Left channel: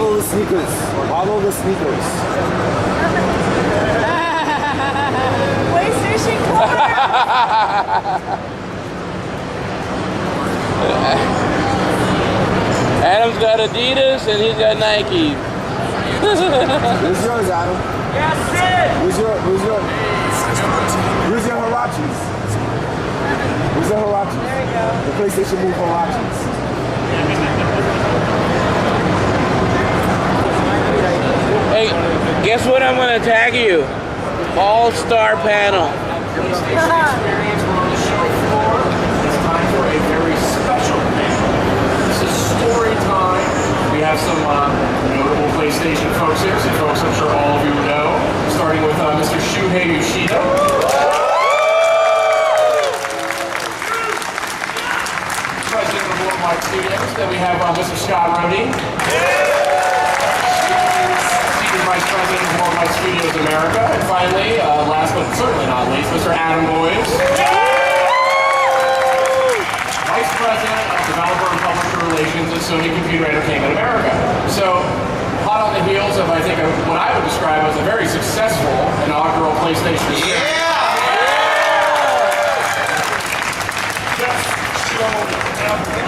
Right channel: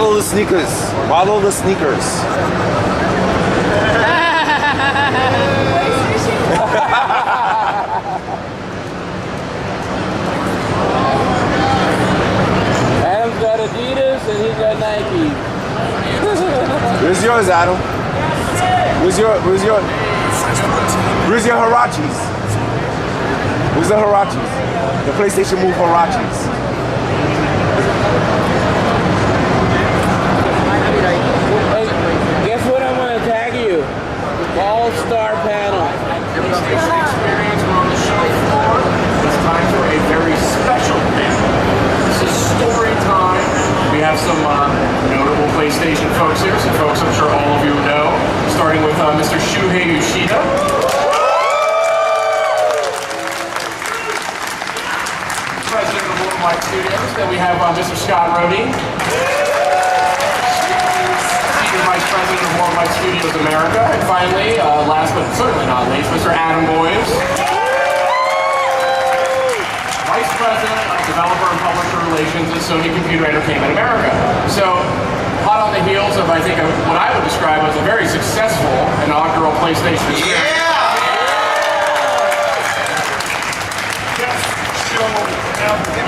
Follow the sneakers. Follow the sneakers. PlayStation 4. Adam's got Adidas and he's got Nike. Where's yours, Adam? Where's your Hirachis? Where's the Hirachis? The PlayStation Move Hirachis. Hey, guess what? I'm gonna tag you. All-star panel. PlayStation experience. We're on the show floor. It's time for a very special panel. This is story time. We have some notable PlayStation folks here, some folks I'm sure all of you know, starting with Mr. Shuhei Yoshida. President of Worldwide Studios. Then we have Mr. Scott Rhodey. Senior Vice President of Worldwide Studios America. And finally, last but certainly not least, Mr. Adam Boyes. Vice President of Developer and Publisher Relations at Sony Computer Entertainment America. So, hot on the heels of, I think, what I would describe as a very successful inaugural PlayStation experience.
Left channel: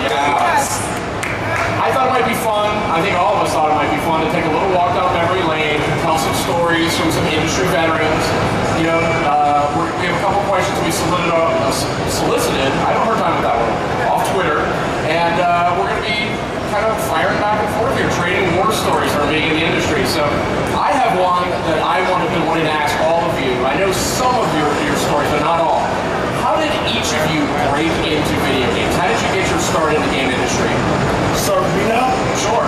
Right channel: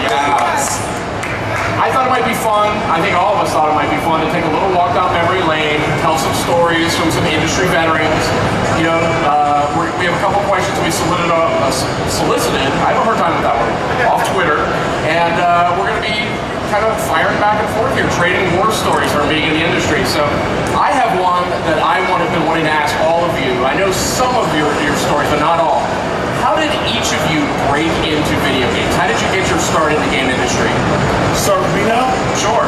Yes. I thought it might be fun. I think all of us thought it might be fun to take a little walk down memory lane, tell some stories from some industry veterans. You know, we have a couple questions we solicited. I have a hard time with that one, off Twitter. And we're going to be kind of firing back and forth here, trading war stories from being in the industry. So I have one that I've been wanting to ask all of you. I know some of your stories, but not all. How did each of you break into video games? How did you get your start in the game industry? Start with me now? Sure.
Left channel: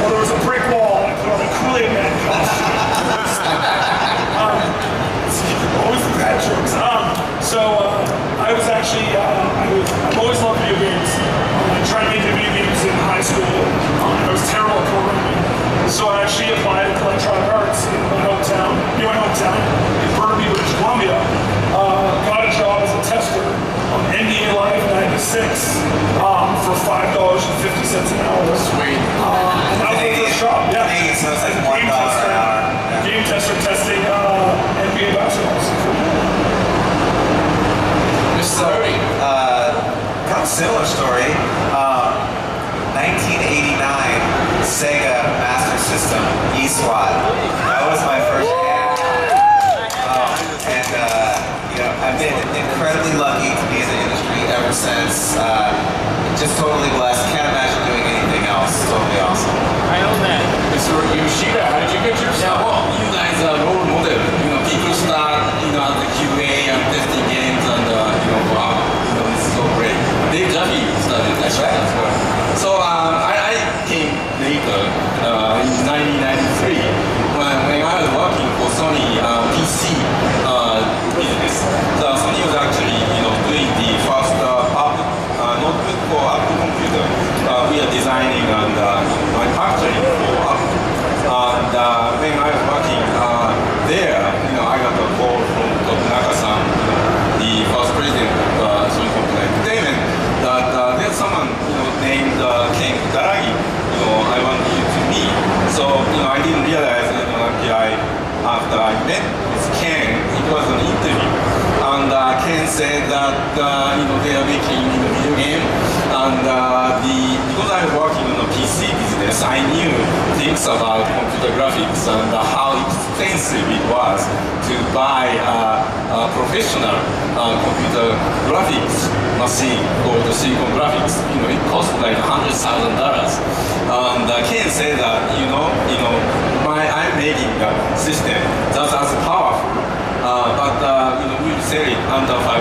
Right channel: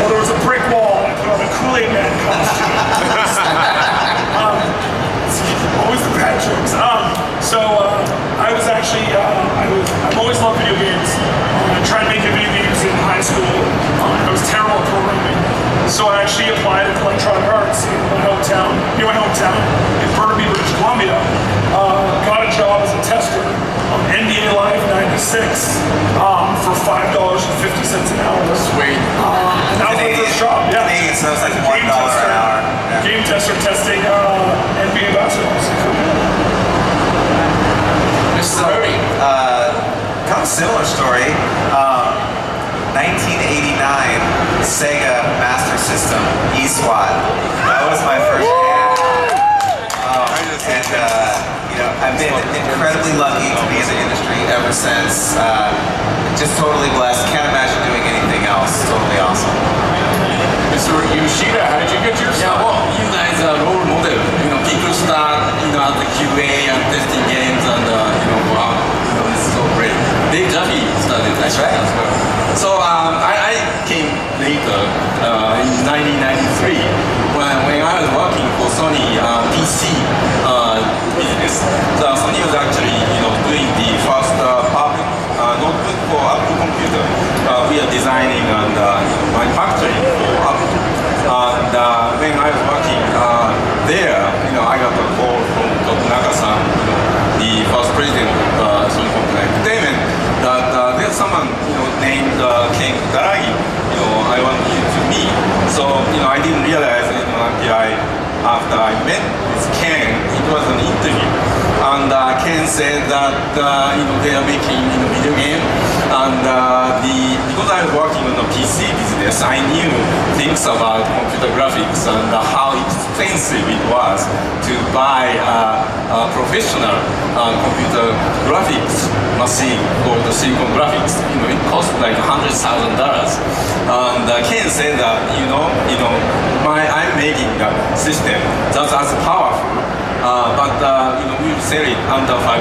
Well, there was a brick wall, and I put on a Kool-Aid Man costume. Always the bad jokes. I was actually, I've always loved video games. I tried making video games in high school. I was terrible at programming. So I actually applied to Electronic Arts in my hometown, in Burnaby, British Columbia. Got a job as a tester on NBA Live 96 for $5.50 an hour. Sweet. And that was my first job. Yeah. Canadian, so it's like $1 an hour. Yeah. Game tester testing NBA basketball. Mr. Rhodey. Kind of similar story. 1989 Sega Master System eSWAT. That was my first game. I've been incredibly lucky to be in the industry ever since. Just totally blessed. Can't imagine doing anything else. Totally awesome. Mr. Yoshida, how did you get your start? Yeah, well, you guys are role model. You know, people start, at the QA and testing games, and wow, this is so great. Dave Jaffe started that as well. So I came later in 1993 when I was working for Sony PC business. So Sony was actually doing the first public notebook for Apple computer. We are designing and manufacturing for Apple. And when I was working there, I got a call from Tokunaka-san, the first president of Sony Computer Entertainment, that there's someone named Ken Kutaragi. I want you to meet. So I didn't realize until after I met with Ken, it was an interview. And Ken said that they are making video game, and because I was working on the PC business, I knew things about computer graphics and how expensive it was to buy a professional computer graphics machine called the Silicon Graphics. It cost like $100,000. And Ken said that I'm making a system that's as powerful, but we'll sell it under $500.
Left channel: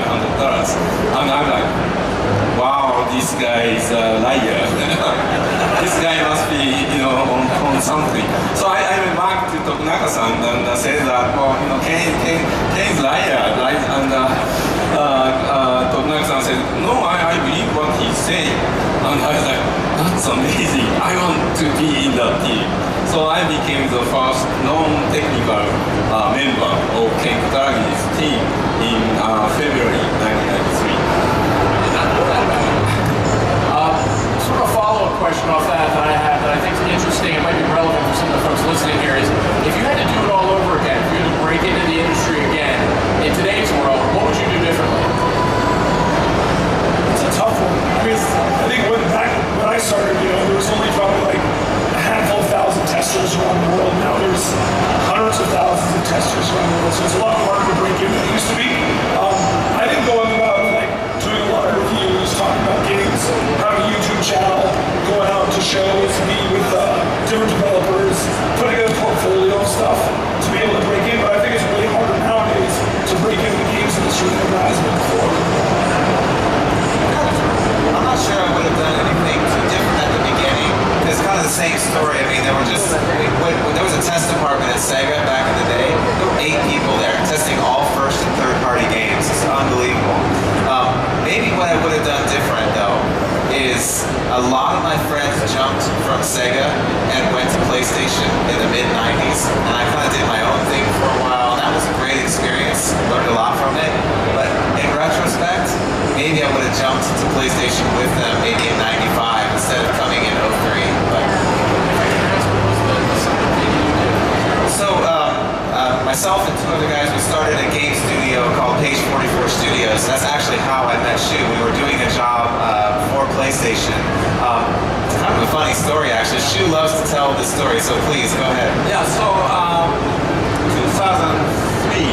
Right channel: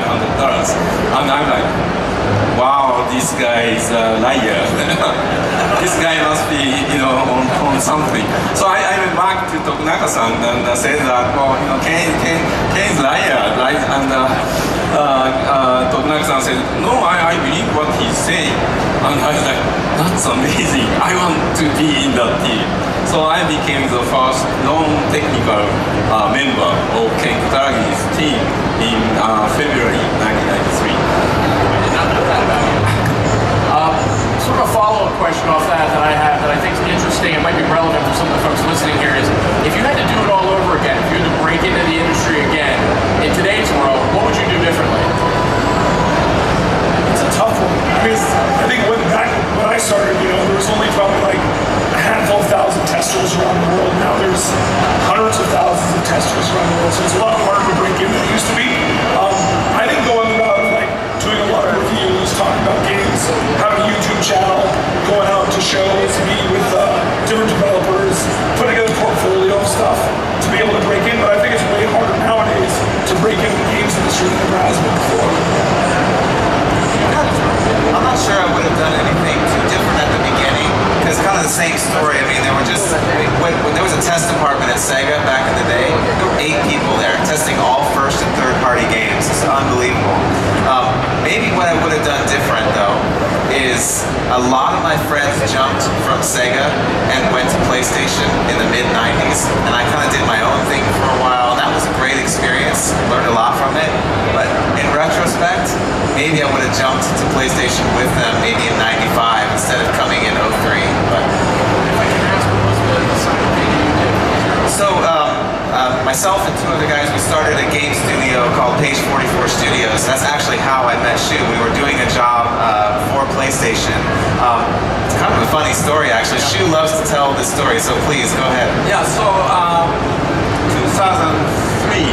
And I'm like, wow, this guy is a liar. This guy must be, on something. So I went back to Tokunaka-san and said that, Ken is liar, right? And Tokunaka-san said, no, I believe what he's saying. And I was like, that's amazing. I want to be in that team. So I became the first non-technical member of Ken Kutaragi's team in February 1993. I did not know that about you. Sort of a follow-up question off that I have that I think is interesting. It might be relevant so it's a lot harder to break in than it used to be. I think going about like doing a lot of reviews, talking about games, having a YouTube channel, going out to shows, meeting with different developers, putting together a portfolio of stuff to be able to break in. But I think it's way harder nowadays to break into the games industry than it has been before. I'm not sure I would have done anything too different at the beginning, because it's kind of the same story. I mean, there was a test department at Sega back in the day. There were 8 people there testing all first and third party games. It's unbelievable. Maybe what I would have done different though is a lot of my friends jumped from Sega and went to PlayStation in the mid 90s, and I kind of did my own thing for a while. That was a great experience, learned a lot from it, but in retrospect, maybe I would have jumped to PlayStation with them maybe in 95 instead of coming in 03. But so myself and 2 other guys, we started a game studio called Page 44 Studios. That's actually how I met Shu. We were doing a job for PlayStation. It's kind of a funny story actually. Shu loves to tell this story, so please go ahead. Yeah, so 2003.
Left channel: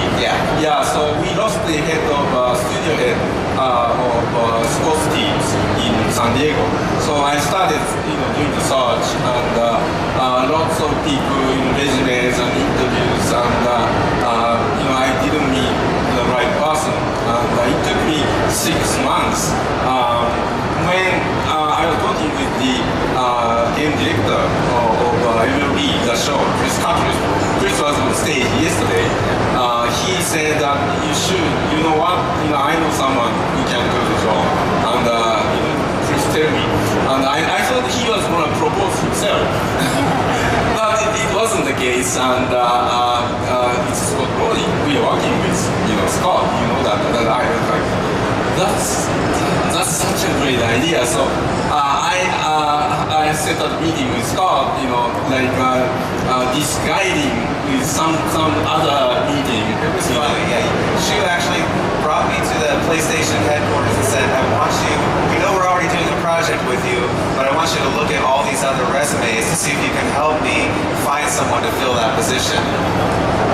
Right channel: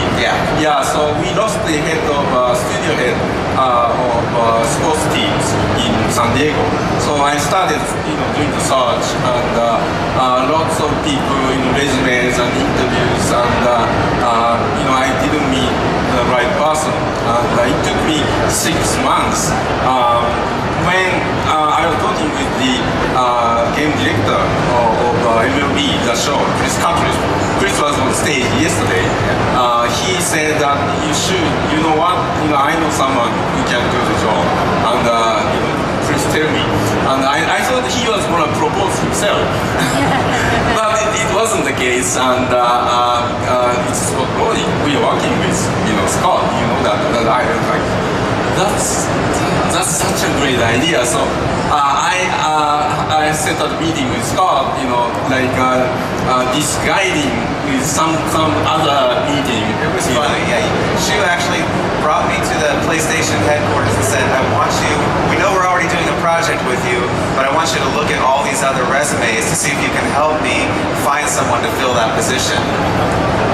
Yeah, so we lost the head of studio head of sports teams in San Diego. So I started, doing the search, and lots of people, resumes and interviews, and I didn't meet the right person. And it took me 6 months. When I was talking with the game director of MLB, the show, Chris Cartridge, Chris was on stage yesterday. He said that you know what, I know someone who can do the job, and please tell me. And I thought he was going to propose himself. But it wasn't the case, and it's Scott Brody. We are working with, Scott, that I was like, that's such a great idea. So I set up a meeting with Scott, disguiding with some other meeting. It was funny, yeah. Shu actually brought me to the PlayStation headquarters and said, we know we're already doing a project with you, but I want you to look at all these other resumes to see if you can help me find someone to fill that position.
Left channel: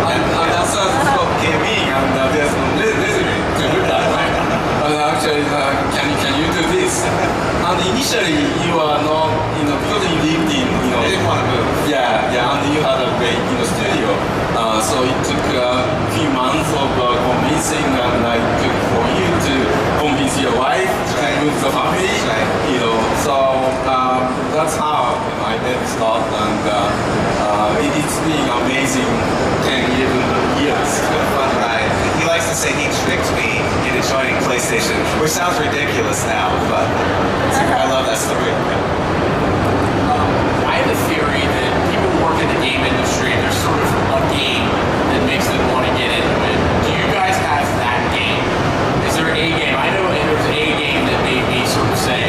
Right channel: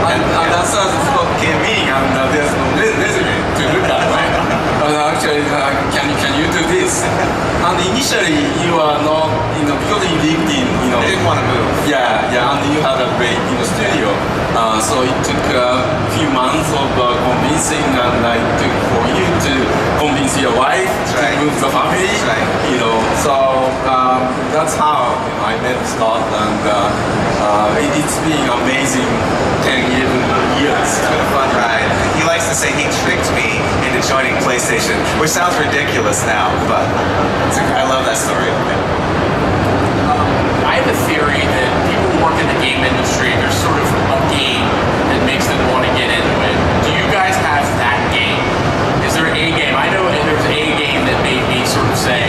And that's how Scott came in, and there's no resume to look at, right? Actually, can you do this? And initially, you are not, because you lived in, You didn't want to move. Yeah, and you had a great, studio. So it took a few months of convincing, and it took for you to convince your wife to move the family. Right. So that's how I met Scott, and it's been amazing 10 years. It's been a fun ride. He likes to say he tricked me into joining PlayStation, which sounds ridiculous now, but I love that story. I have a theory that people who work in the game industry, there's sort of a game that makes them want to get into it. Do you guys have that game? Is there a game? I know there's a game that made me sort of say,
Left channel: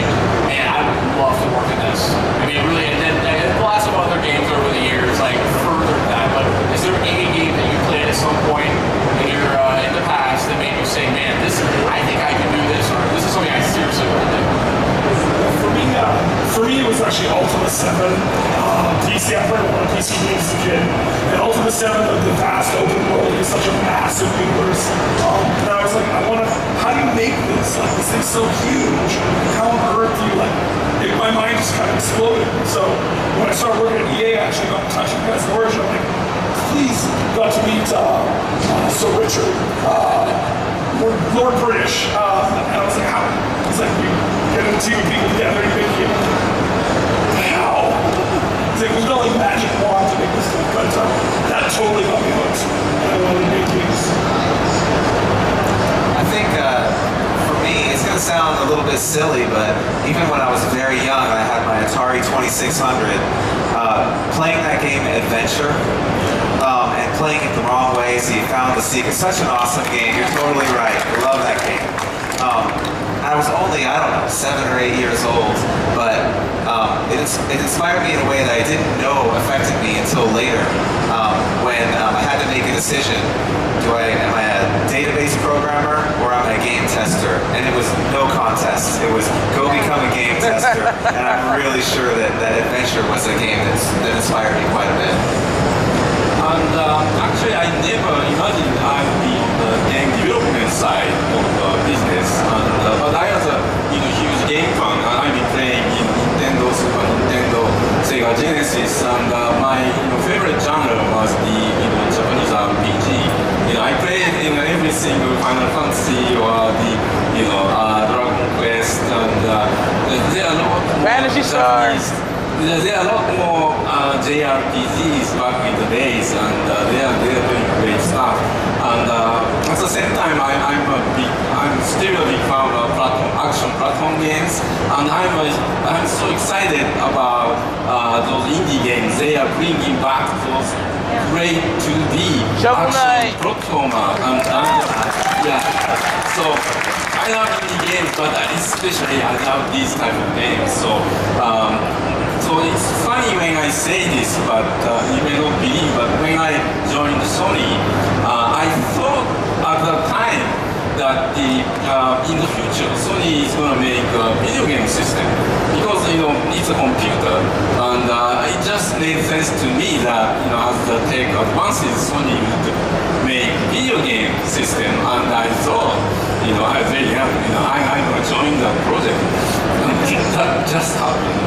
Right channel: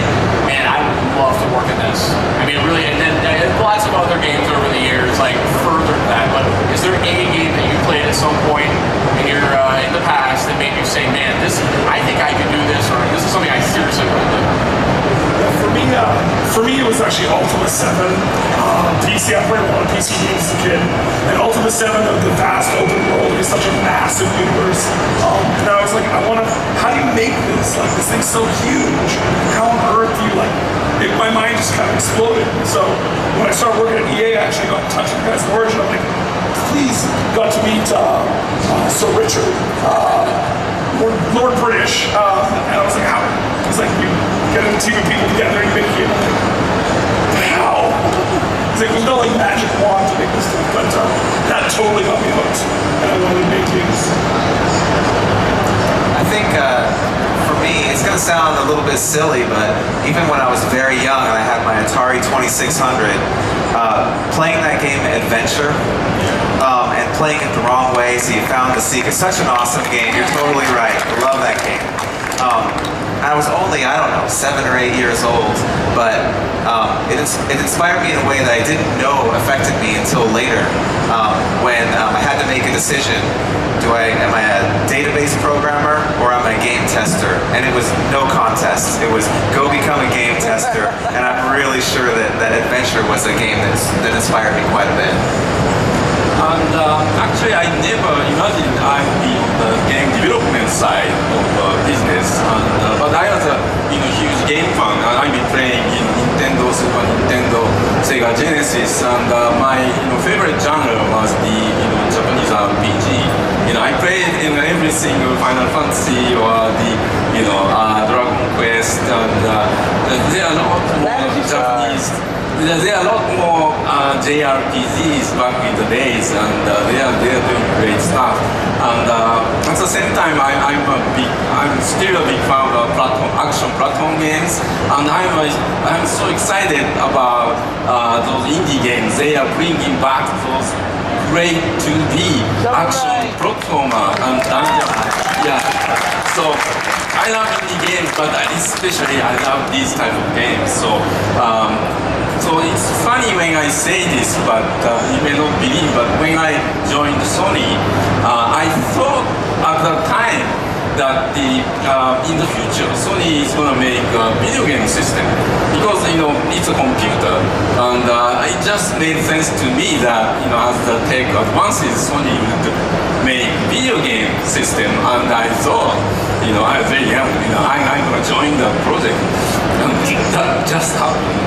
man, I would love to work in this. I mean, really, and then lots of other games over the years, like further that, but is there a game that you played at some point in the past that made you say, man, I think I could do this, or this is something I seriously want to do? For me, it was actually Ultima 7. PC, I played a lot of PC games as a kid. And Ultima 7, the vast open world is such a massive universe. And I was like, how do you make this? Like, this thing's so huge. How on earth do you, my mind just kind of exploded. So when I started working at EA, I actually got in touch with the guys at Origin. I'm like, please, got to meet Sir Richard, Lord British. And I was like, how? He's like, we get a team of people together and you make it. How? He's like, there's no magic wand to make this thing, but that totally got me hooked, and I wanted to make games. I think for me, it's going to sound a little bit silly, but even when I was very young and I had my Atari 2600, playing that game Adventure, and playing it the wrong way, so you found the secret. Such an awesome game. You're totally right. I love that game. I was only, 7 or 8 years old, but it inspired me in a way that I didn't know affected me until later, when I had to make a decision. Am I a database programmer or am I a game tester? And it was no contest. It was go become a game tester. And I'm really sure that Adventure was a game that inspired me quite a bit. And actually, I never imagined I'd be on the game development side of business. And, but I was a huge game fan, and I've been playing in Nintendo, Super Nintendo, Sega Genesis, and my favorite genre was the Japanese RPG. I played every single Final Fantasy or the Dragon Quest, and there are a lot more Japanese. There are a lot more JRPGs back in the days, and they are doing great stuff. And at the same time, I'm still a big fan of action platform games, and I'm so excited about those indie games. They are bringing back those great 2D action platformer and dungeon. Yeah. So I love indie games, but especially I love these type of games. So it's funny when I say this, but you may not believe, but when I joined Sony, I thought at the time that in the future Sony is going to make a video game system because it's a computer, and it just made sense to me that as the tech advances, Sony would make video game system, and I thought I was very young, I'm going to join the project, and that just happened.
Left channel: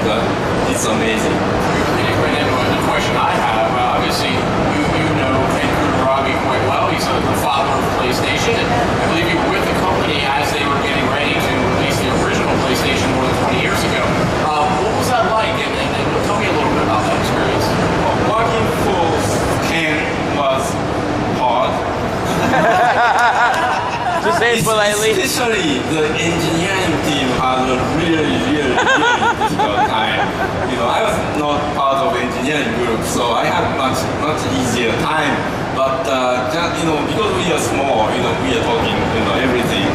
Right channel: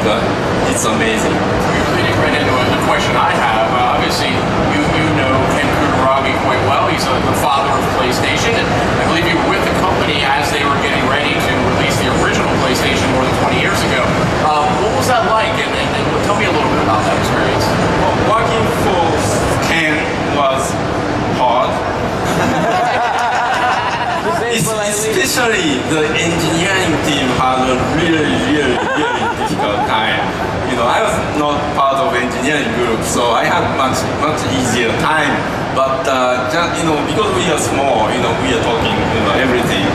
It's amazing. You're leading right into the question I have. Obviously, you know Ken Kutaragi quite well. He's the father of PlayStation, and I believe you were with the company as they were getting ready to release the original PlayStation more than 20 years ago. What was that like? And tell me a little bit about that experience. Well, working for Ken was hard. Especially the engineering team had a really difficult time. I was not part of engineering group, so I had much easier time. But just, because we are small, we are talking everything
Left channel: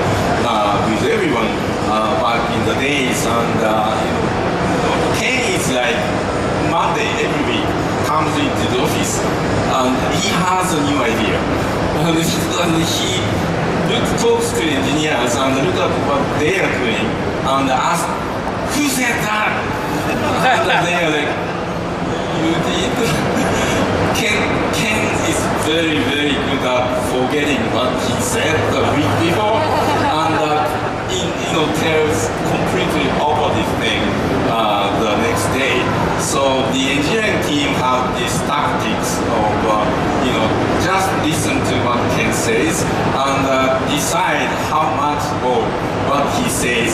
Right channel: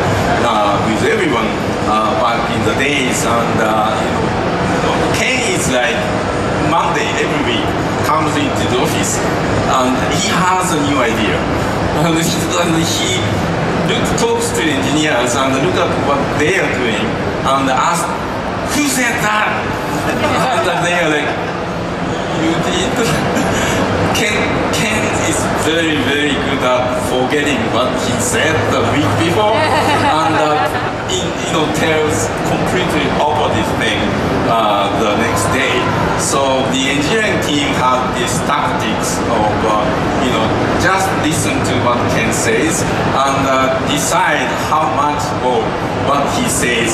with everyone back in the days, and Ken is like Monday every week comes into the office, and he has a new idea, and he talks to engineers and look at what they are doing and ask, who said that? And they are like, you did? Ken is very good at forgetting what he said the week before, and tells completely opposite thing the next day. So the engineering team have these tactics of just listen to what Ken says and decide how much of what he says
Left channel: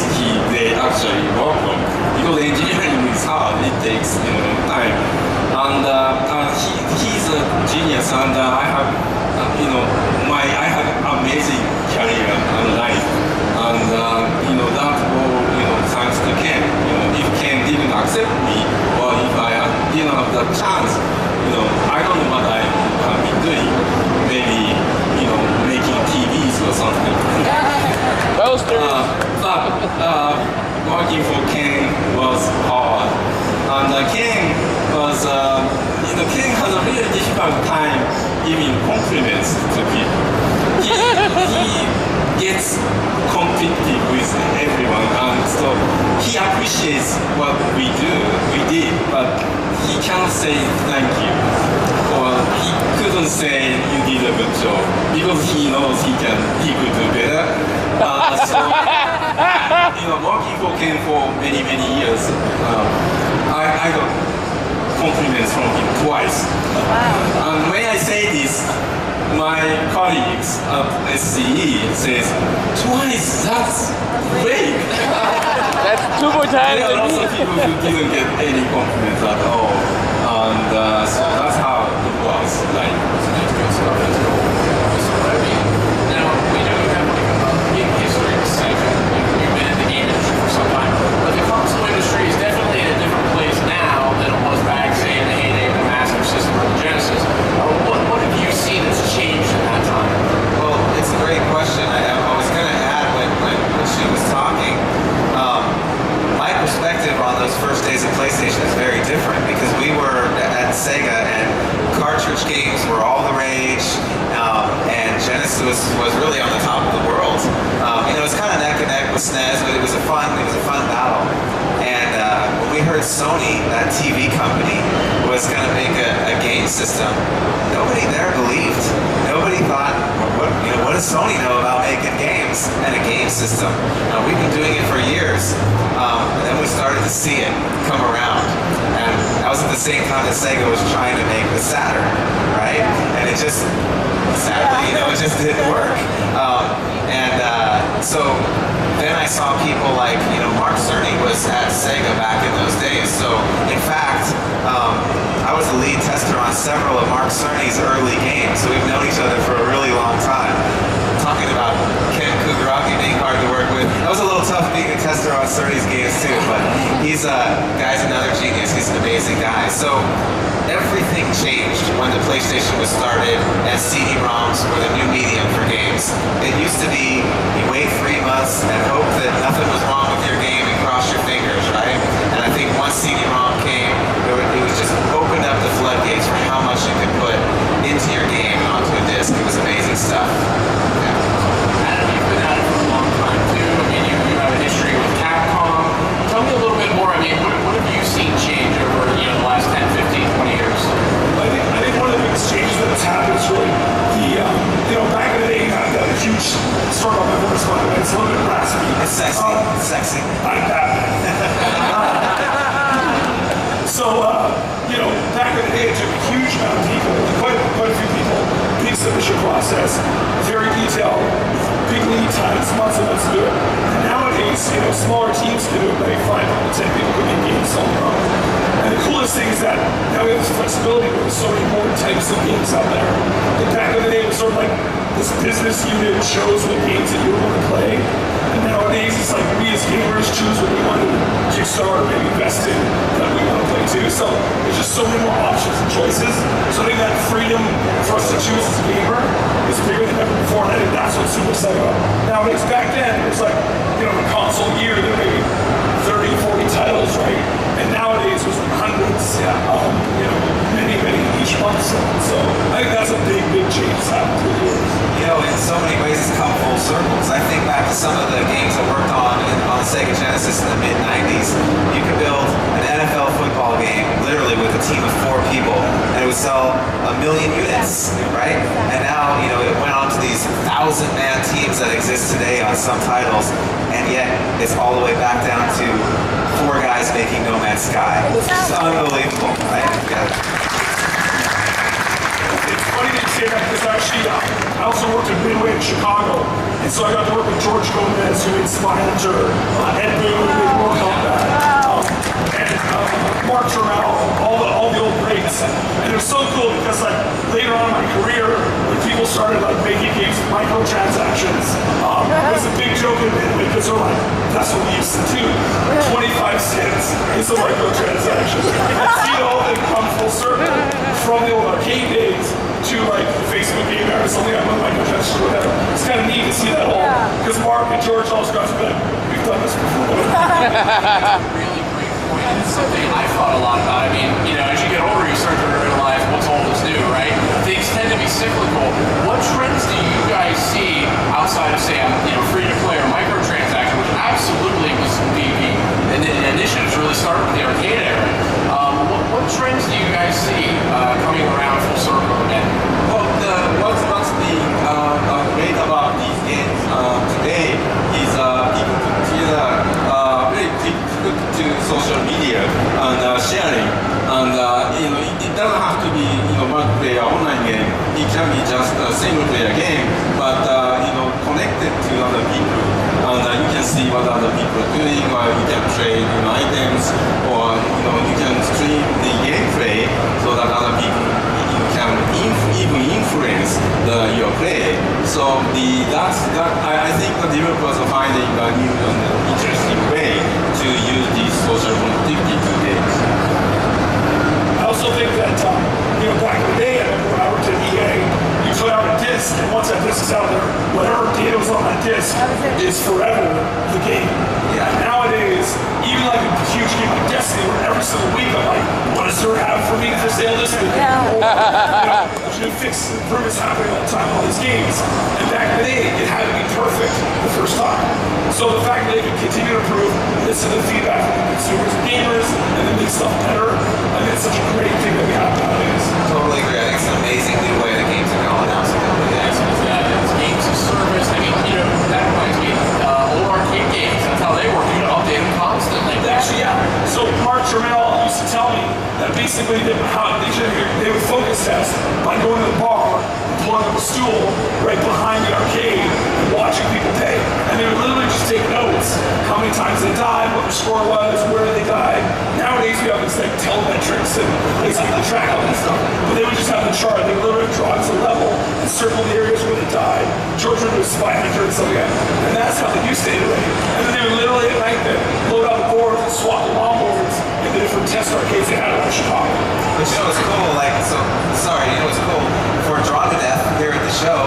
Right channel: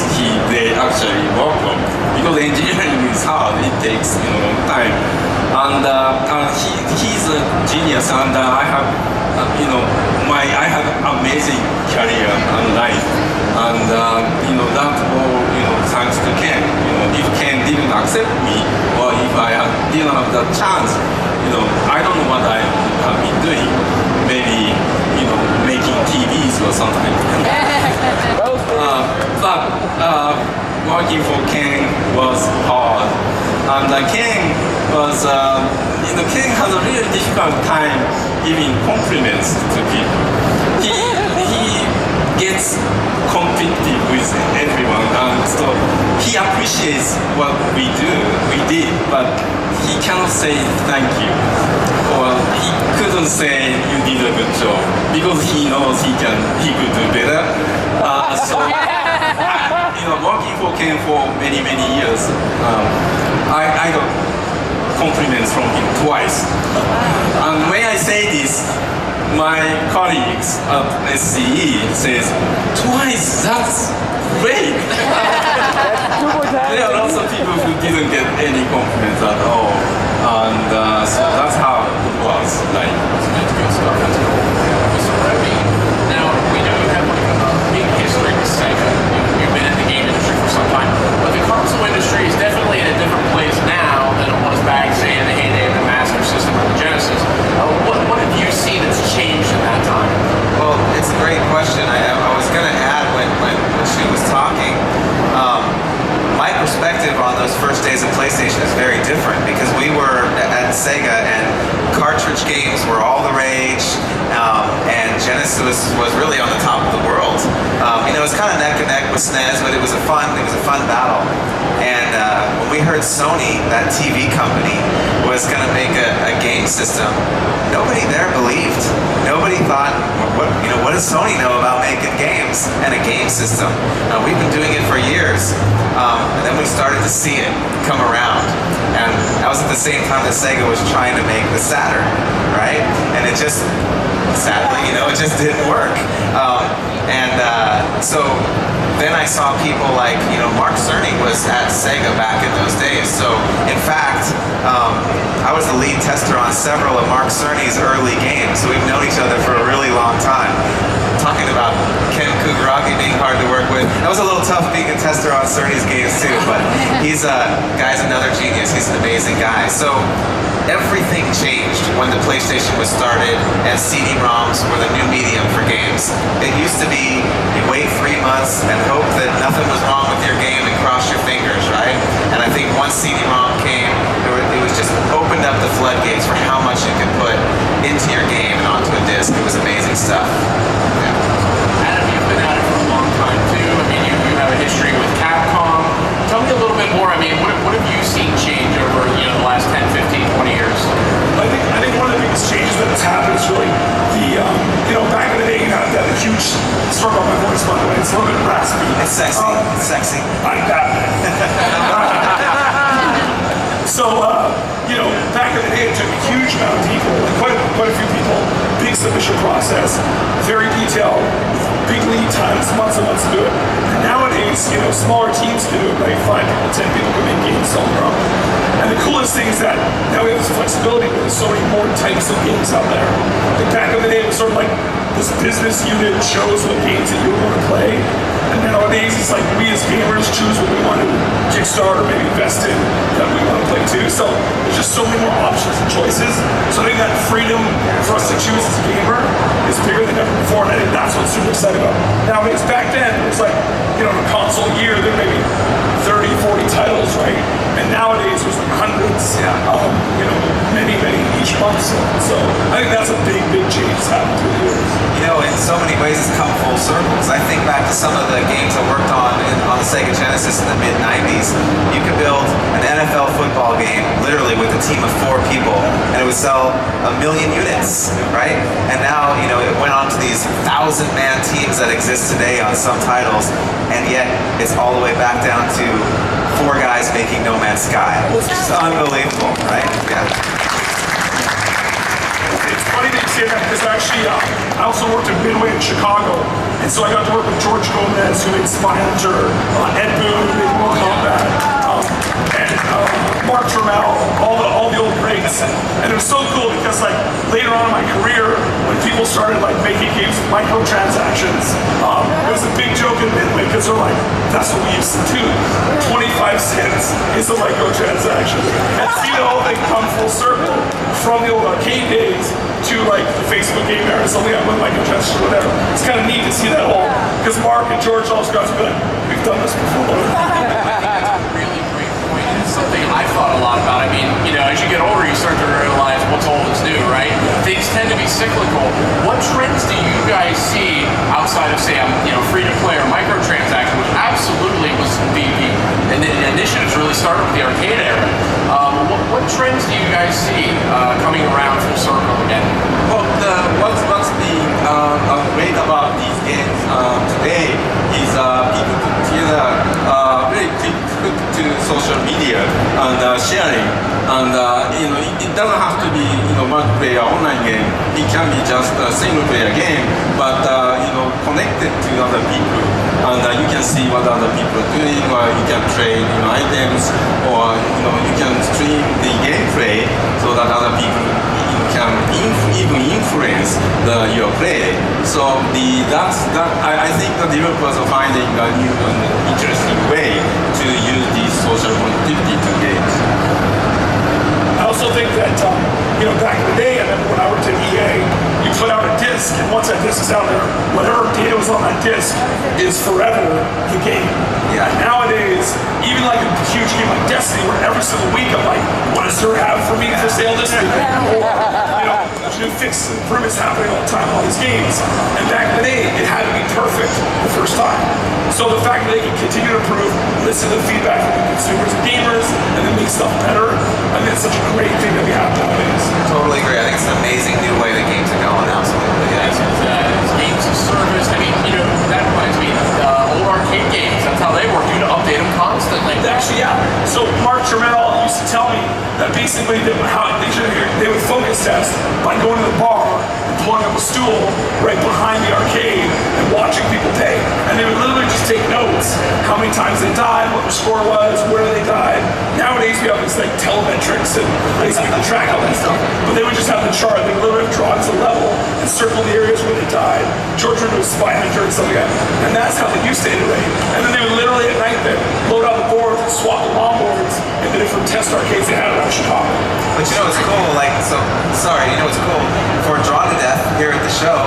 they actually work on. Because engineering is hard, it takes time. And he's a genius, and I have I have amazing career and life, and that all thanks to Ken. If Ken didn't accept me, or if I didn't have that chance, I don't know what I have been doing. Maybe making TVs or something. But working for Ken was hard, and Ken was Ken had a really difficult time giving compliments to people. He gets competitive with everyone, and so he appreciates what we did, but he cannot say thank you, or he couldn't say you did a good job because he knows he could do better. So working for Ken for many years, I got compliments from him twice. And when I say this, my colleagues at SCE says, twice, that's great. That's 2 more times. There are lots of people who didn't get any compliments at all. And so that's how it was. Like, that's good stuff. That's cool. So now, we know you have a history with Sega. You've been in the game industry for some time. But the console industry is definitely in a different place now than it was back, say, in the heyday of the Master System or the Genesis. What have you seen that's changed in that time? Well, it's a great question. I was going to add when she was talking, my perspective on those first days of PlayStation is very different because we were at Sega and cartridge games were all the rage, and Genesis was really on the top of the world. It was kind of neck and neck with SNES, but it was a fun battle. And when we heard Sony, that TV company, was going to make a game game system, nobody there believed. Nobody thought, what does Sony know about making games and a game system? We've been doing it for years. And then we started to see it come around. And that was at the same time that Sega was trying to make the Saturn, right? And it just, sadly, it just didn't work. So then I saw people like, Mark Cerny was at Sega back in those days. So in fact, I was the lead tester on several of Mark Cerny's early games. So we've known each other for a really long time. Talking about Ken Kugaraki being hard to work with. It was a little tough being a tester on Cerny's games too, but guy's another genius. He's an amazing guy. So everything changed when the PlayStation was started and CD-ROMs were the new medium for games. It used to be you wait 3 months and hope that nothing was wrong with your game and cross your fingers, right? And I think once CD-ROM came, it was just opened up the floodgates for how much you could put into your game and onto a disc. It was amazing stuff. Adam, you've been at it for a long time too. I mean, you have a history with Capcom. Tell me a little bit more. I mean, what have you seen change over the last 10, 15, 20 years? I think one of the biggest changes that's happened is really the, back in the day, you had that huge, sorry about my voice, by the way, it's a little bit raspy. It's sexy. It's sexy. I'm Batman. So, back in the day, it took a huge amount of people, quite a few people, big submission process, very detailed, big lead times, months and months to do it. And nowadays, smaller teams can do it, right? 5 people, 10 people can make games on their own. And the coolest thing is that now we have this flexibility where there's so many more types of games out there. Like back in the day, it was sort of like this business unit chose what games that you were going to play. And nowadays, it's like we as gamers choose what we want to kickstart or maybe invest in that we want to play too. So there's just so many more options and choices. So I think that freedom for us to choose as a gamer is bigger than ever before, and I think that's what's super exciting about it. Nowadays, back then, it was like, a console year, there may be 30, 40 titles, right? And nowadays, there's like hundreds, many each month. So I think that's a big change that's happened through the years. In so many ways, it's come full circles. I think back to some of the games I worked on the Sega Genesis in the mid-90s. You could build an NFL football game, literally with a team of 4 people, and it would sell 1 million units, right? And now, it went on to these 1,000-man teams that exist today on some titles, and yet it's all the way back down to 4 guys making No Man's Sky. It's just unbelievable, right? Yeah. It's funny that you say that because actually, I also worked at Midway in Chicago, and so I got to work with George Gomez, who made Spy Hunter, Ed Boon, who made Mortal Kombat, and Mark Trammell, all the old greats. And it was so cool because later on in my career, when people started making games with microtransactions, it was a big joke in Midway because they're like, that's what we used to do. 25 cents is a microtransaction. And see the whole thing come full circle from the old arcade days to the Facebook game era, something like with microtransactions or whatever. It's kind of neat to see that whole, because Mark and George always got to be like, we've done this before. Really great point. It's something I've thought a lot about. I mean, as you get older, you start to realize what's old is new, right? Things tend to be cyclical. What trends do you guys see outside of, say, free to play or microtransaction, which absolutely was the initiatives really started with the arcade era. What trends do you guys see coming around full circle again? Well, what's great about these games today is people put together very quick to social media and sharing. And it doesn't have to be multiplayer online game. It can be just a single player game, but connected to other people. And you can see what other people are doing, or you can trade items, or you can stream the gameplay so that other people can even influence your play. So I think the developers are finding a new and interesting way to use these social connectivity to games. I also think that, back in the day, I remember when I worked at EA, you put out a disc, and once that disc is out there, whatever data was on that disc is forever the game. Yeah. And nowadays, even a huge game like Destiny, where every single week I'm like, what does there have for me for sale this week? There's new fixes and improvements happening all the time on these games. And back in the day, it had to be perfect the first time. So the fact that they can continue to improve, listen to the feedback from the consumers and gamers, and then make stuff better, I think it's such a great thing that we have nowadays. Totally they would focus test by going to the bar, pulling up a stool right behind the arcade and watching people take. And they would literally just take notes, how many times they died, what their score was, where they died. Nowadays we have this like telemetrics and ways we can track all that stuff. But they would just have the chart. They literally draw to the level and circle the areas where they died. George would do a spy hunter and stuff like that. And that's how they used to iterate. And then they would literally at night then load out the boards and swap the longboards in the different test arcades they had around Chicago. But you know what's cool, like, so, sorry, you know what's cool? For Draw to Death here at the show,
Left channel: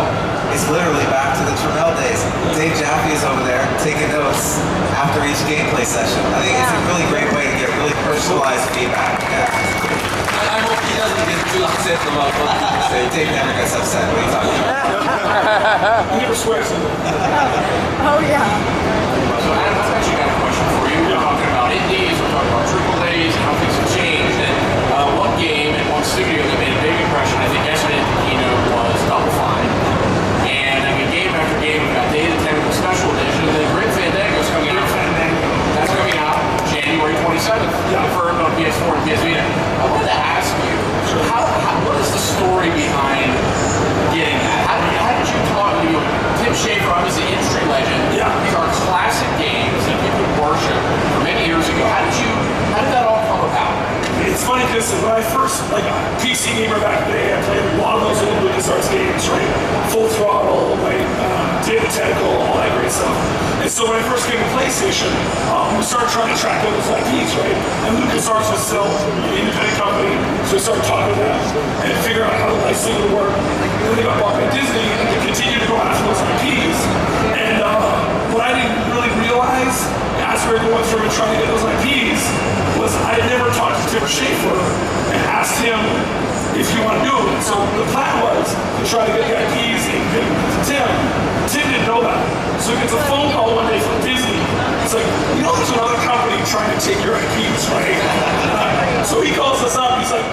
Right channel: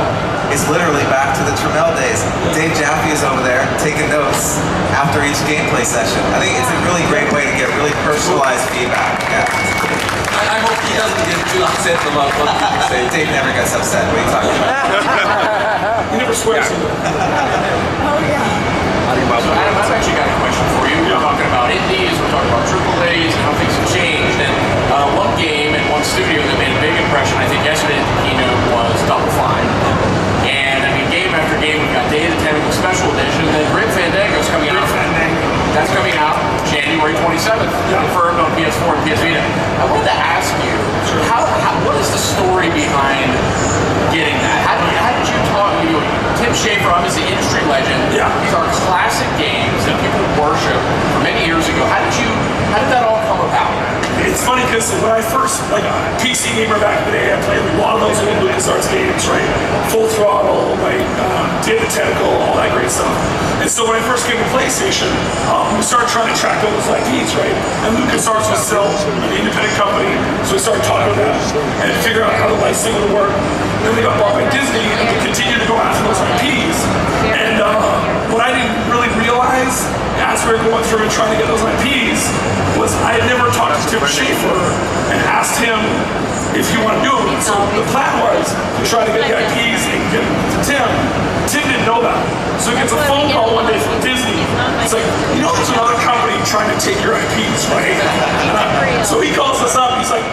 it's literally back to the Trammell days. Dave Jaffe is over there taking notes after each gameplay session. I think it's a really great way to get really personalized feedback. Yeah. I hope he doesn't get too upset about what people say. Dave never gets upset. What are you talking about? He never swears. Oh yeah. So Adam, I've actually got a question for you. We're talking about indies, we're talking about AAAs, and how things have changed. And one game and one studio that made a big impression, I think yesterday at the keynote, was Double Fine. And I mean, game after game, we've got Day of the Tentacle Special Edition, and then Grim Fandango's coming out. That's coming out January 27th, confirmed on PS4 and PS Vita. I wanted to ask you, what is the story behind getting that? How did you talk to Tim Schafer, obviously industry legend? Yeah. These are classic games that people worship from many years ago. How did that all come about? It's funny because when I first, like PC gamer back in the day, I played a lot of those old LucasArts games, right? Full Throttle, right? Day of the Tentacle, all that great stuff. And so when I first came to PlayStation, we started trying to track down those IPs, right? And LucasArts was still an independent company, so we started talking to them and figuring out how the licensing would work. And then they got bought by Disney, and they continued to go after those IPs. And what I didn't really realize as we were going through and trying to get those IPs was I had never talked to Tim Schafer and asked him if he wanted to do it. So the plan was to try to get the IPs and give them to Tim. Tim didn't know that. So he gets a phone call one day from Disney. It's like, you know, there's another company trying to take your IPs, right? So he calls us up. He's like,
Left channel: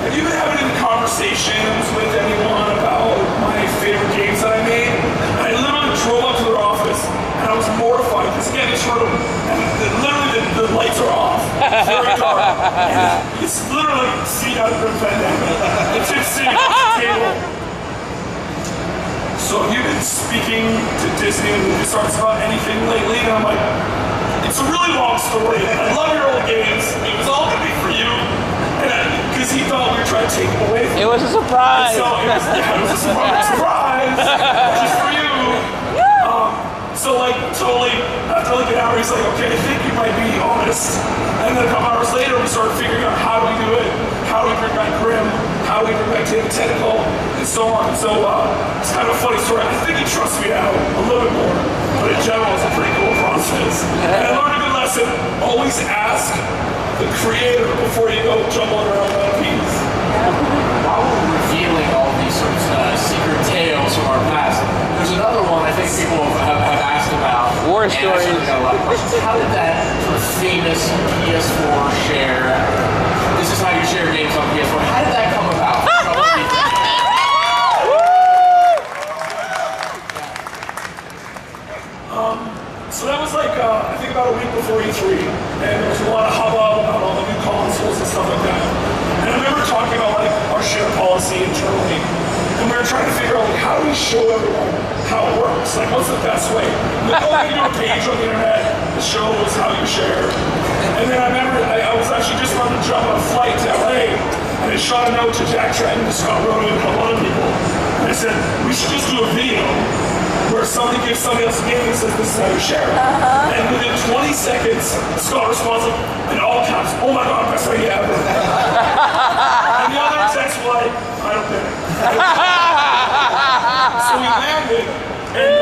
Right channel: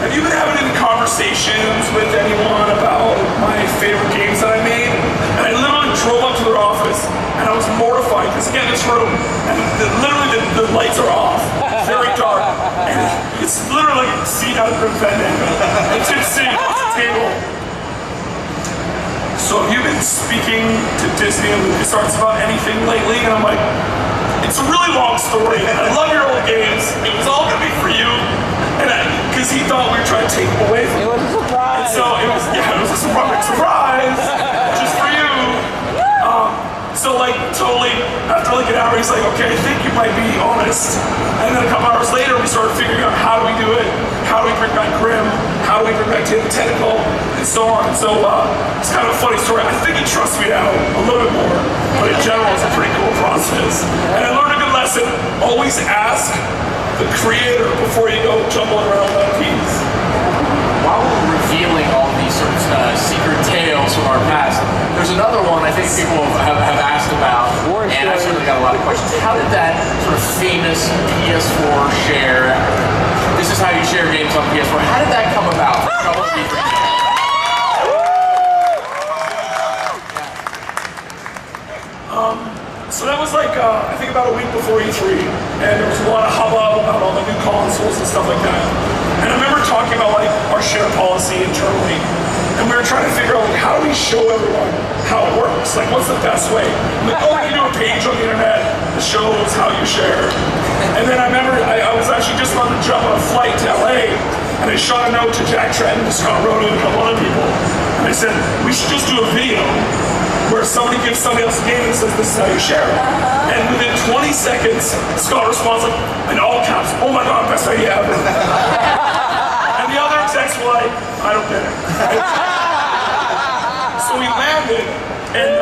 have you been having any conversations with anyone about my favorite games that I made? And I literally drove up to their office, and I was mortified, because again, this room, and literally the lights are off, very dark, and it's literally seen out of Grim Fandango. And Tim's sitting at the table. So have you been speaking to Disney and LucasArts about anything lately? And I'm like, it's a really long story, and I love your old games. It was all gonna be for you. And because he thought we were trying to take him away from him. It was a surprise. And so it was a surprise, just for you. So like totally, after like an hour, he's like, okay, I think you might be honest. And then a couple hours later, we started figuring out how do we do it, how do we bring back Grim, how do we bring back Day of the Tentacle, and so on. So it's kind of a funny story. I think he trusts me now a little bit more, but in general, it's a pretty cool process. And I learned a good lesson: always ask the creator before you go jumbling around IPs. While we're revealing all these sort of secret tales from our past, there's another one I think people have asked about, War and story. I certainly got a lot of questions. How did that sort of famous PS4 share, this is how you share games on PS4, how did that come about? So that was like, I think about a week before E3, and there was a lot of hubbub about all the new consoles and stuff like that. And I remember talking about like our share policy internally, and we were trying to figure out like how do we show everyone how it works? Like what's the best way? Like, oh, you do a page on the internet that shows how you share. And then I remember I was actually just about to jump on a flight to LA, and I shot a note to Jack Trenton, to Scott Roto, and a couple other people. And I said, we should just do a video where somebody gives somebody else a game and says, this is how you share it. And within 20 seconds, Scott responds like, in all caps, oh my God, best idea ever. And the other execs were like, I don't get it. So we landed, and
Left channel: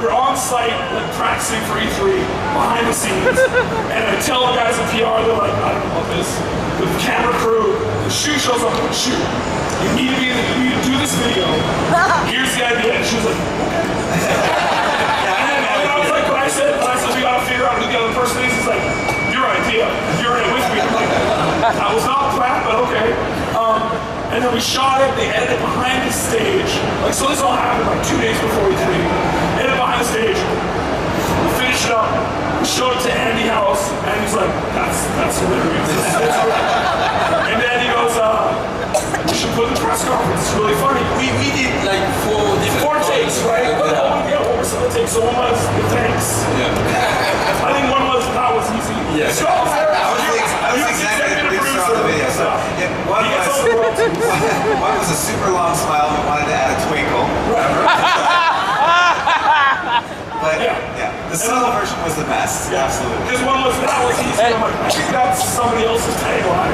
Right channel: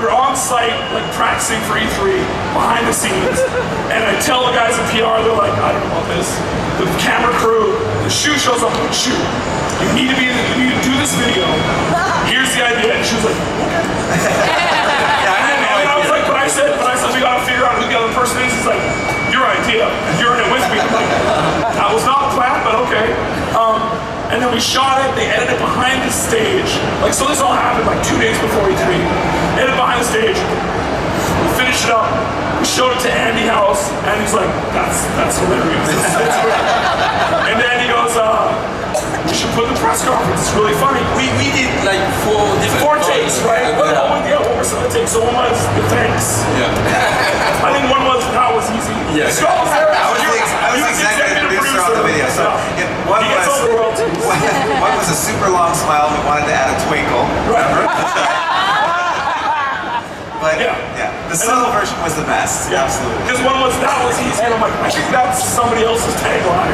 we were on site, like practicing for E3, behind the scenes. And I tell the guys in PR, they're like, I don't know about this. The camera crew, the shoe shows up, like, shoot. You need to do this video. Here's the idea. And she was like, okay. And I was like, but I said, we gotta figure out who the other person is. He's like, your idea. You're in it with me. I'm like, that was not the plan, but okay. And then we shot it. They edited it behind the stage. Like, so this all happened like 2 days before E3. Edited behind the stage. We finished it up. We showed it to Andy House, and he's like, that's hilarious. It's great. And then he goes, we should put in the press conference. It's really funny. We did like Four takes, right? Yeah. What were some of the takes? So one was the thanks. Yeah. I think one was that was easy. Yes. So I was there. I was the executive producer on the video. So one He gets all the royalties. one was a super long smile and wanted to add a twinkle. But yeah, the solo version was the best. Yeah. Absolutely. Because one was that was easy. I'm like, I think that's somebody else's tagline.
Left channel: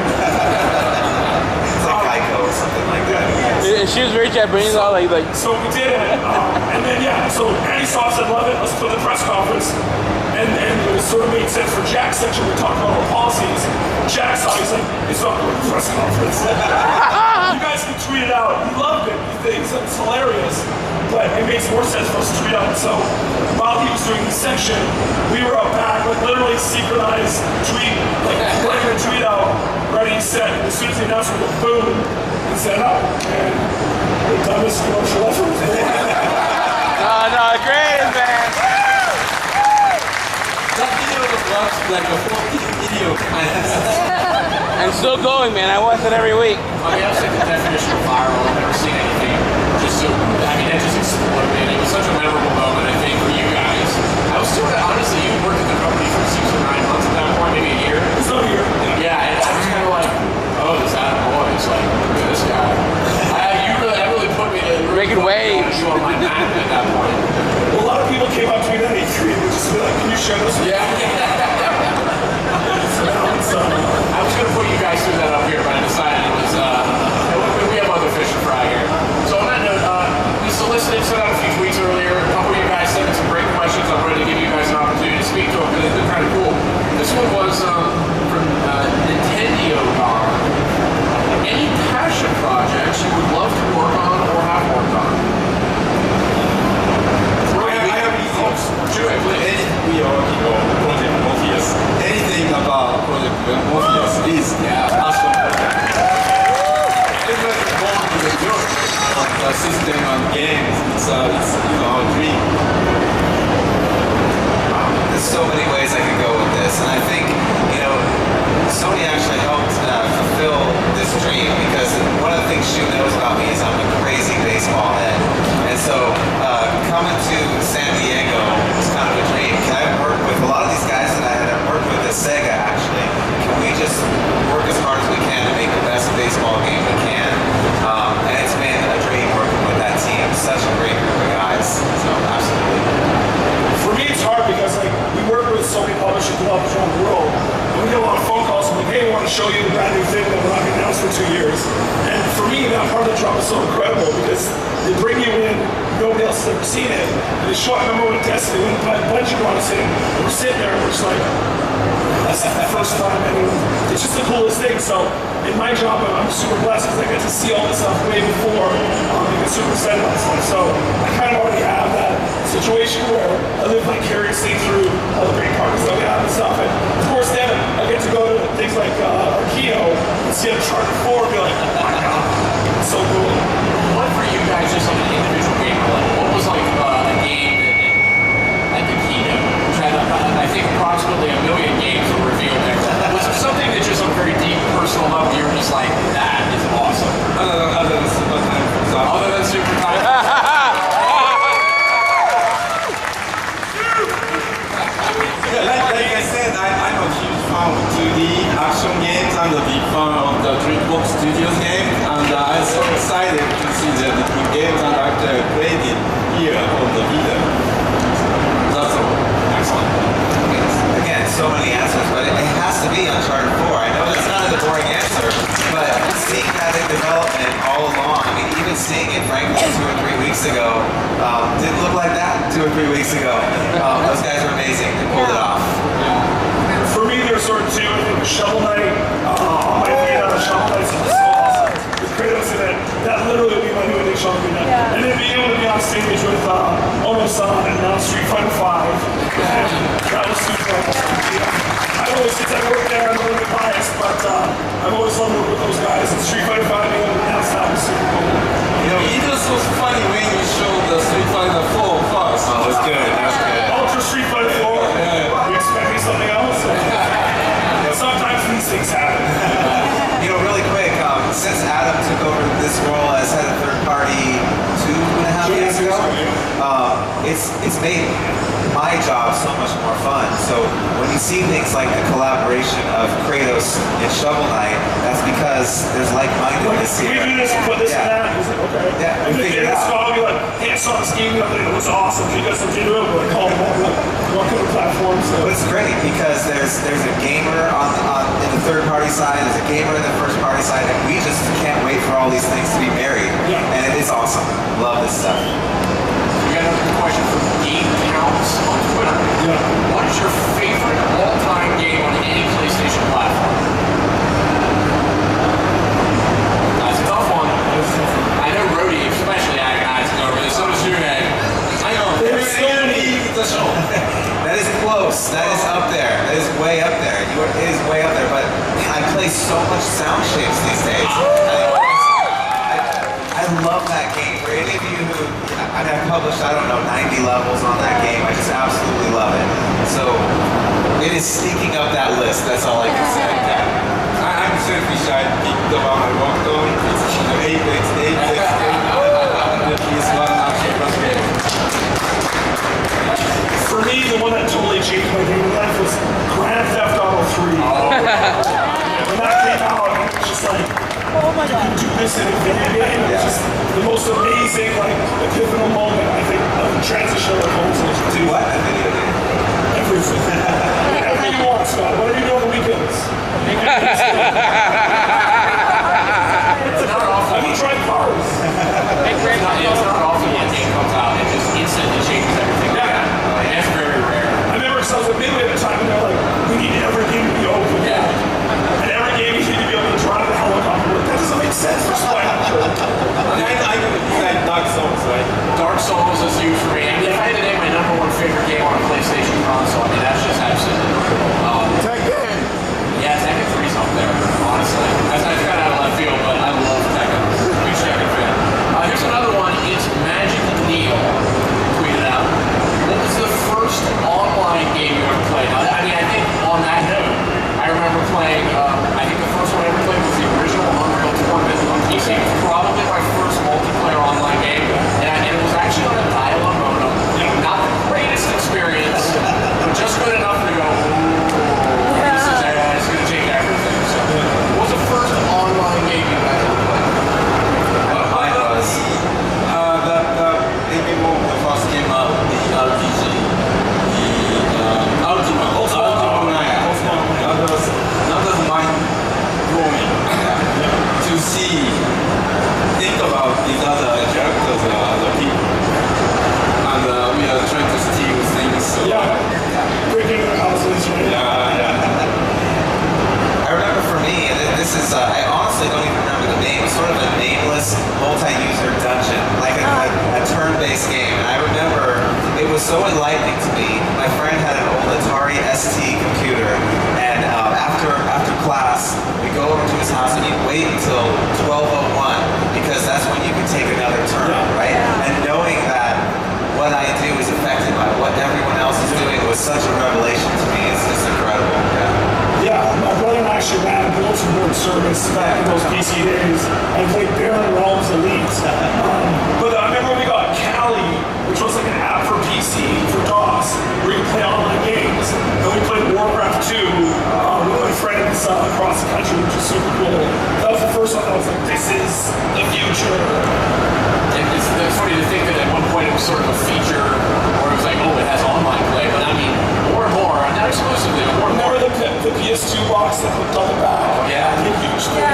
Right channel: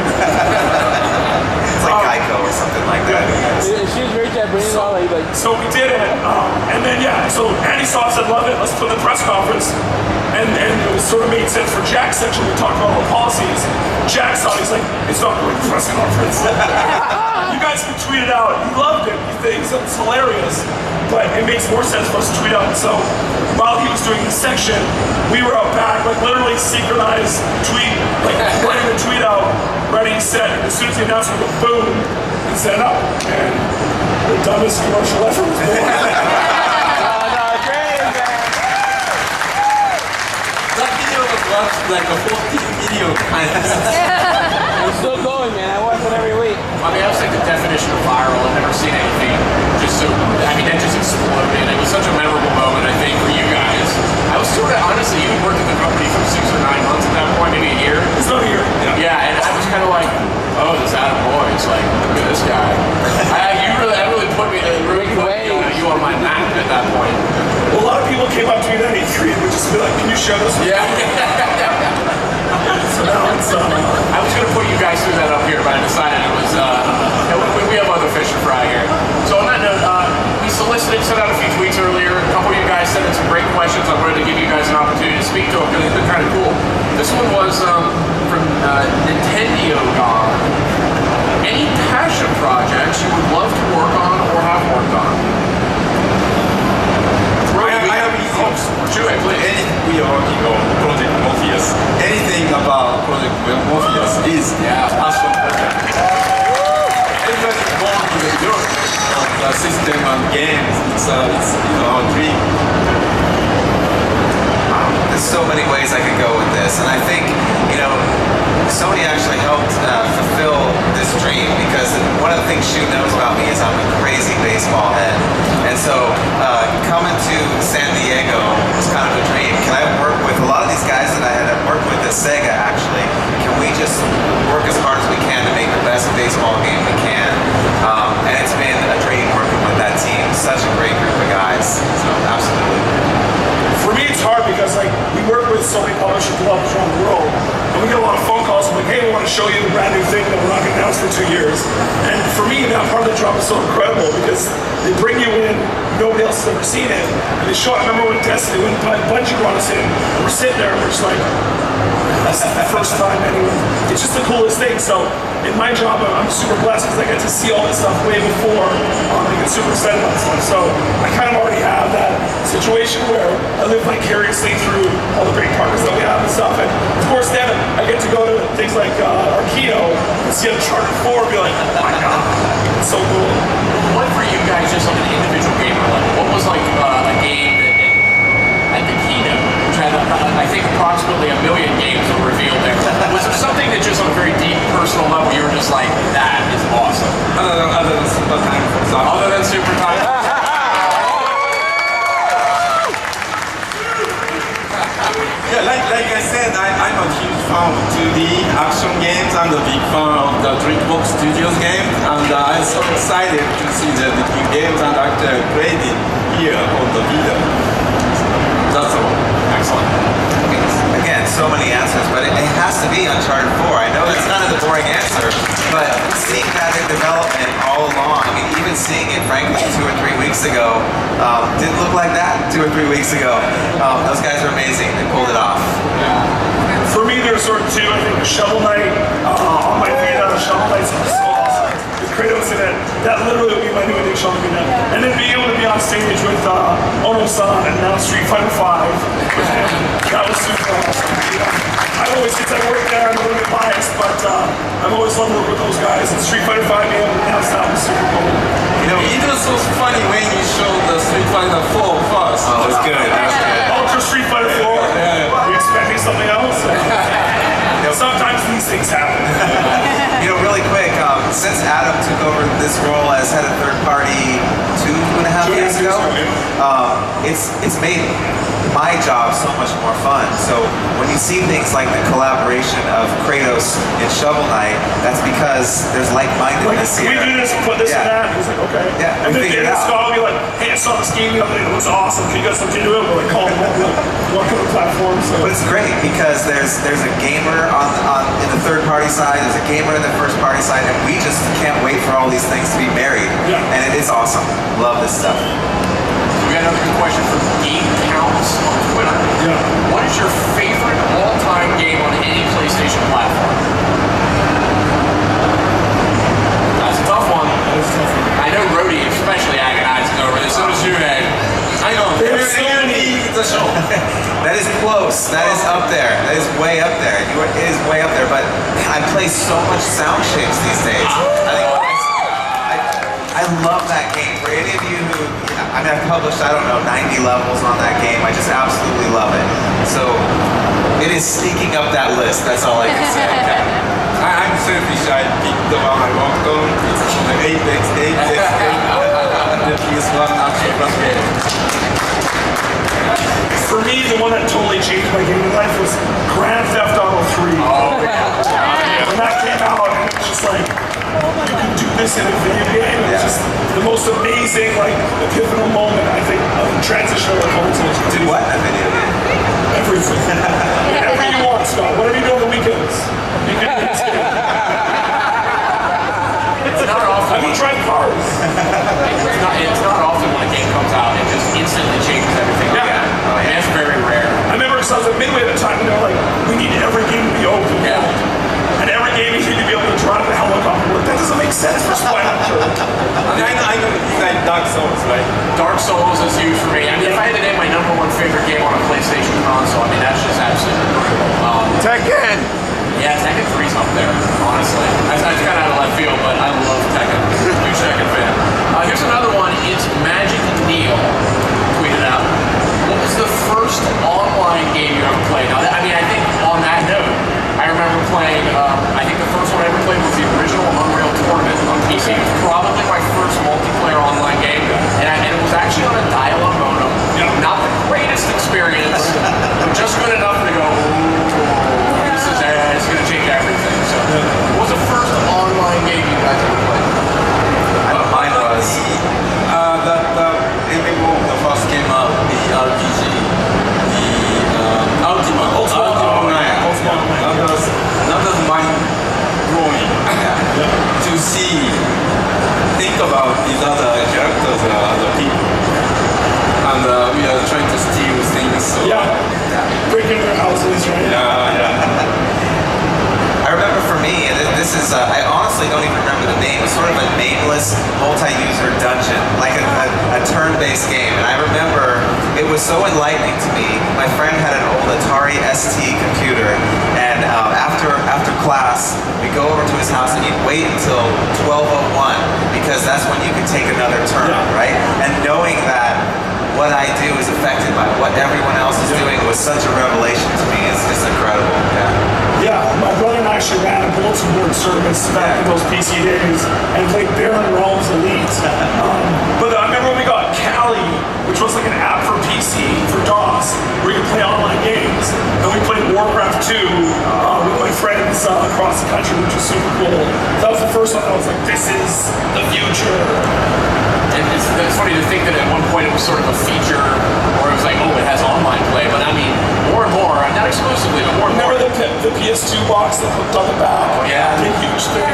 It's like Geico or something like that. She was very Japanese, like. So we did it, and then so Andy saw us and loved it. Let's put the press conference, and it sort of made sense for Jack's section. We talked about all the policies. Jack saw it, he's like, it's not going to the press conference. You guys can tweet it out. He loved it. He thinks it's hilarious, but it makes more sense for us to tweet out. So while he was doing the section, we were out back, like literally synchronized tweet, like putting the tweet out, ready, set. As soon as the announcement went boom, and set up, and the dumbest commercial ever was born. No, great, man. That video was like a 14 video kind of. I'm still going, man. I watch it every week. I mean, that was like the definition of viral. I've never seen anything just so, I mean, that just exploded. It was such a memorable moment, I think, for you guys. I was sort of, honestly, you worked at the company for 6 or 9 months at that point, maybe a year. It's not a year. Yeah, and I was kind of like, oh, this Adam Boyes, like, look at this guy. That really put me, Making waves. You on my map at that point. Well, a lot of people came up to me in '93 and would just be like, can you show us? Yeah. So now it's, I was going to put you guys through that up here, but I decided it was, we have other fish to fry here. So on that note, we solicited, sent out a few tweets earlier. A couple of you guys sent in some great questions. I'm ready to give you guys an opportunity to speak to them, because it's been kind of cool. This one was from Nintendo God. Any passion projects you would love to work on or have worked on? I have hopes. Shuhei, please. We are working on Project Morpheus. Anything about Project Morpheus is passion project. Everybody born with a joke of the system and games. It's our dream. There's so many ways I could go with this, and I think, Sony actually helped fulfill this dream, because one of the things Shu knows about me is I'm a crazy baseball head. And so coming to San Diego was kind of a dream. Can I work with a lot of these guys that I had worked with at Sega, actually? Can we just work as hard as we can to make the best baseball game we can? And it's been a dream working with that team. Such a great group of guys. So absolutely. for me it's hard because we work with so many publishers and developers around the world, and we get a lot of phone calls like, hey, we want to show you the brand new thing that we're not going to announce for 2 years. And for me, that part of the job is so incredible because they bring you in, nobody else has ever seen it, and they show. I remember when Destiny, when Bungie brought us in, and we're sitting there and we're just like, that's the first time anyone. It's just the coolest thing. So in my job, I'm super blessed because I get to see all this stuff way before I get super excited about stuff. So I kind of already have that situation where I live vicariously through all the great partners that we have and stuff. And of course, then I get to go to things like Arkedo and see Uncharted 4 and be like, oh my god, it's so cool. What for you guys, just on an individual gamer level, what was like a game that at the keynote, which had I think approximately 1 million games that were revealed there, was there something that just on a very deep personal level you were just like, that is awesome? Other than Super Time, for example. Other than Super Time? Yeah, like I said, I'm a huge fan of 2D action games and a big fan of the Dreambox Studios game, and I'm so excited to see the new games and actually created here on the video. That's all. Excellent. Again, so many answers, but it has to be Uncharted 4. I know that's kind of the boring answer, but seeing that in development all along, I mean, even seeing it, frankly, 2 or 3 weeks ago, didn't look like that 2 or 3 weeks ago. Those guys are amazing. They pulled it off. For me, there's sort of two. I think Shovel Knight, on my Vita, Shovel Knight's so awesome. With Kratos in it, that literally would be my new addiction on Vita. And then being able to be on stage with Ono-san and now Street Fighter 5, that was super awesome. I always, since I worked there, I'm a little bit biased, but I've always loved to work with those guys. And Street Fighter 5 being able to announce that was super cool. It was so funny when you showed the Street Fighter 4 first. Oh, it was good. That was good. Ultra Street Fighter 4, we expect things happen. Really quick, since Adam took over this role as head of third party 2.5 years ago, it's made my job so much more fun. So when you see things like the collaboration of Kratos and Shovel Knight, that's because there's like-mindedness Can here. we do this and put this and that? He's like, okay. Yeah, And we then figured it out. Scott will be like, hey, I saw this game the other day, it was awesome. Can you guys look into it? We're like, call them what kind of platform? So. But it's great because there's a gamer in the third party side, there's a gamer in the first party side, and we just can't wait for all these things to be married. Yeah. And it is awesome. Love this stuff. We got another good question from Game Counts on Twitter. Yeah. What is your favorite all-time game on any PlayStation platform? That's a tough one. I know Rhodey especially agonizing over this. So does Shuhei. I know. The show. That is close. That is up there. That is way up there. It is way up there. But I play so much sound shapes these days. I love that game. For any of you who, I've published, 90 levels on that game. I just absolutely love it. So it is sneaking up that list. That's all I can say. I'm selfish. I picked the one I worked on. It's Apex. The PS1 action plus game. For me, the one that totally changed my gaming life was Grand Theft Auto 3. When that came out, it was just like, you can do this in a video game. It was just the most amazing, pivotal moment, I think, of the transition of the consoles. Do what in a video game? Everything. Whatever you want, Scott. Whatever you do on the weekends. You can do this game. Have you tried cars? It's not often when a game comes out, it just instantly changes everything. Yeah. And it's very rare. I remember I was at Midway at the time, and they're like, we need every game to be open. Yeah. And every game you need to be able to drive a helicopter. Like, that doesn't make sense for Spylander. I know it's like Dark Souls, right? Dark Souls is huge for me. I mean, if I had to name my number one favorite game on a PlayStation console, I mean, that's just absolutely Tekken. Yeah, Tekken 3's up there, honestly. That's kind of out of left field, but I love Tekken. Huge Tekken fan. Here's another one. It's Magic Neil tweeted out. What was the first online game you ever played? Now, I mean, I think on that note, I remember playing, I think the first one I ever played was the original Unreal Tournament on PC. It was probably my first multiplayer online game, and it was actually on a dial-up modem. Not the greatest experience, but just good enough to go, it's going to change everything. So, what was the first online game you guys ever played? Mine was. The first came up, the RPG, the Ultima Online. That was mind-blowing to think about these other characters, other people. And we are trying to steal things. So, Breaking their houses, right? I remember for me, and this is, I honestly don't even remember the name. It was sort of a nameless multi-user dungeon, like a turn-based game. And I remember it was so enlightening to me. My friend had an old Atari ST computer, and after class, we'd go over to his house and he'd wait until 12:01 because that's when you could take another turn, right? And knowing that what I do is affected by what everyone else is doing was such a revelation to me. It's just incredible. Yeah, my brother and I actually ran a bulletin board service back in those PC days and played Baron Realms Elite. But I remember when we got Kali, which was like an app for PC, for DOS, where you could play online games. And we played Warcraft 2 with my friends across the country, which was super cool. That was the first one I was like, this is the future. It's funny to think that at one point it was sort of a feature, or it was like, oh, it has online play, but I mean, more and more, not exclusively, but more and more. Remember the PS2 box that hooked on the back? Oh, yeah. Big, huge things.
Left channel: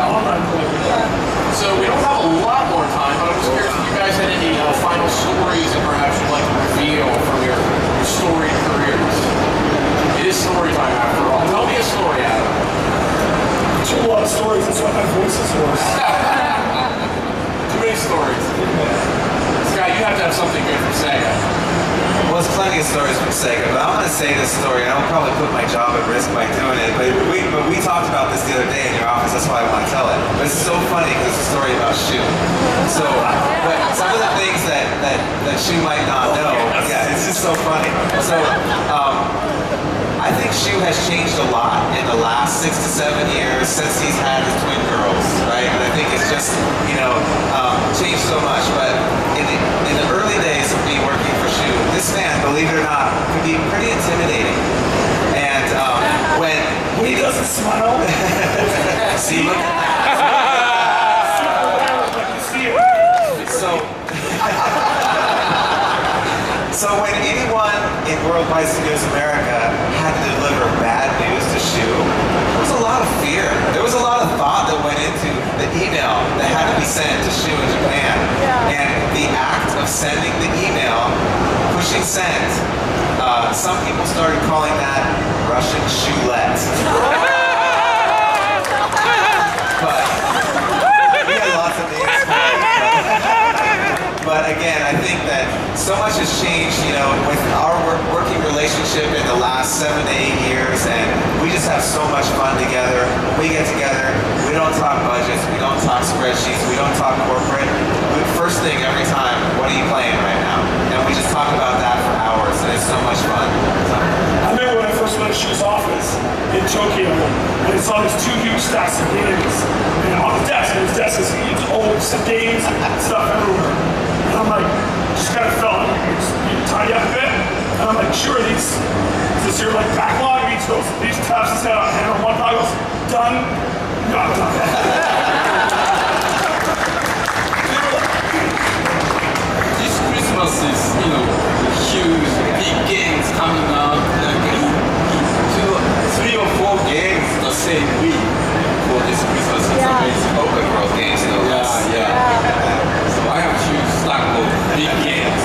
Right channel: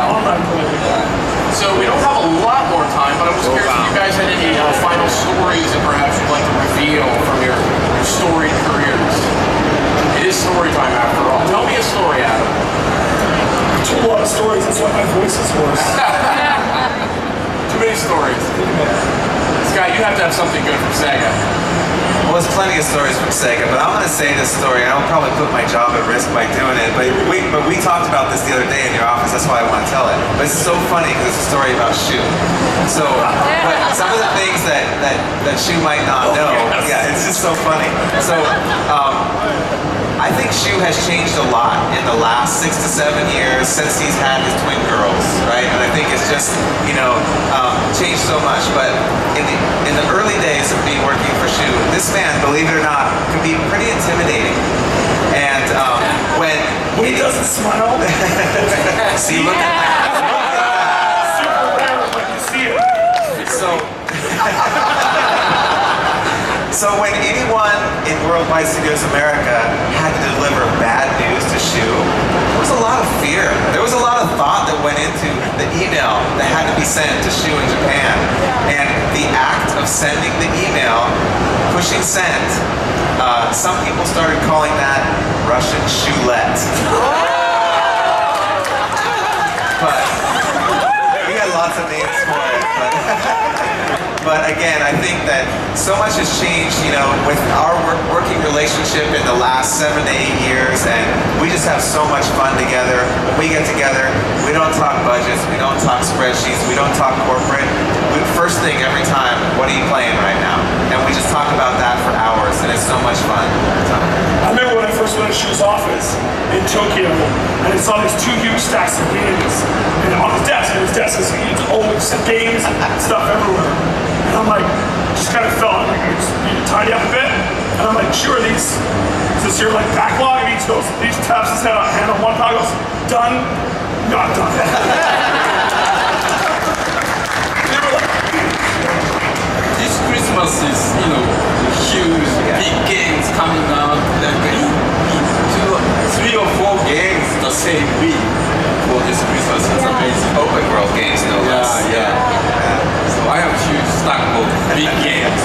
Online play. So we don't have a lot more time, but I was curious if you guys had any final stories that perhaps you'd like to reveal from your storied careers. It is story time after all. Tell me a story, Adam. I told a lot of stories, that's why my voice is hoarse. Too many stories. Scott, you have to have something good from Sega. Well, there's plenty of stories from Sega, but I'm going to say this story, and I'll probably put my job at risk by doing it, but we talked about this the other day in your office, that's why I want to tell it. But it's so funny because it's a story about Shu. So, but some of the things that Shu might not know, it's just so funny. So, I think Shu has changed a lot in the last 6 to 7 years since he's had his twin girls, right? And I think it's just, changed so much. But in the early days of me working for Shu, this man, believe it or not, could be pretty intimidating. And when he doesn't smile. see, look at that. Super rare, like you see it. So when anyone in Worldwide Studios America had to deliver bad news to Shu, there was a lot of fear. There was a lot of thought that went into the email that had to be sent to Shu in Japan. And the act of sending the email, pushing send, some people started calling that Russian Shulette. But we had lots of names for it. But again, I think that so much has changed, with our working relationship in the last 7 to 8 years, and we just have so much fun together. When we get together, we don't talk budgets, we don't talk spreadsheets, we don't talk corporate. First thing every time, what are you playing right now? And we just talk about that for hours, and it's so much fun. I remember when I first went to Shu's office in Tokyo, and I saw these 2 huge stacks of games, and on his desk is old games, stuff everywhere. And I'm like, just kind of felt like you tidy up a bit. And I'm like, sure, is this your backlog? These tabs is hand on one pile goes, done, not done. This Christmas is, huge, big games coming out. Like 3 or 4 games the same week for this Christmas. It's amazing. Open world games, no less. Yeah. So I have huge stack of big games.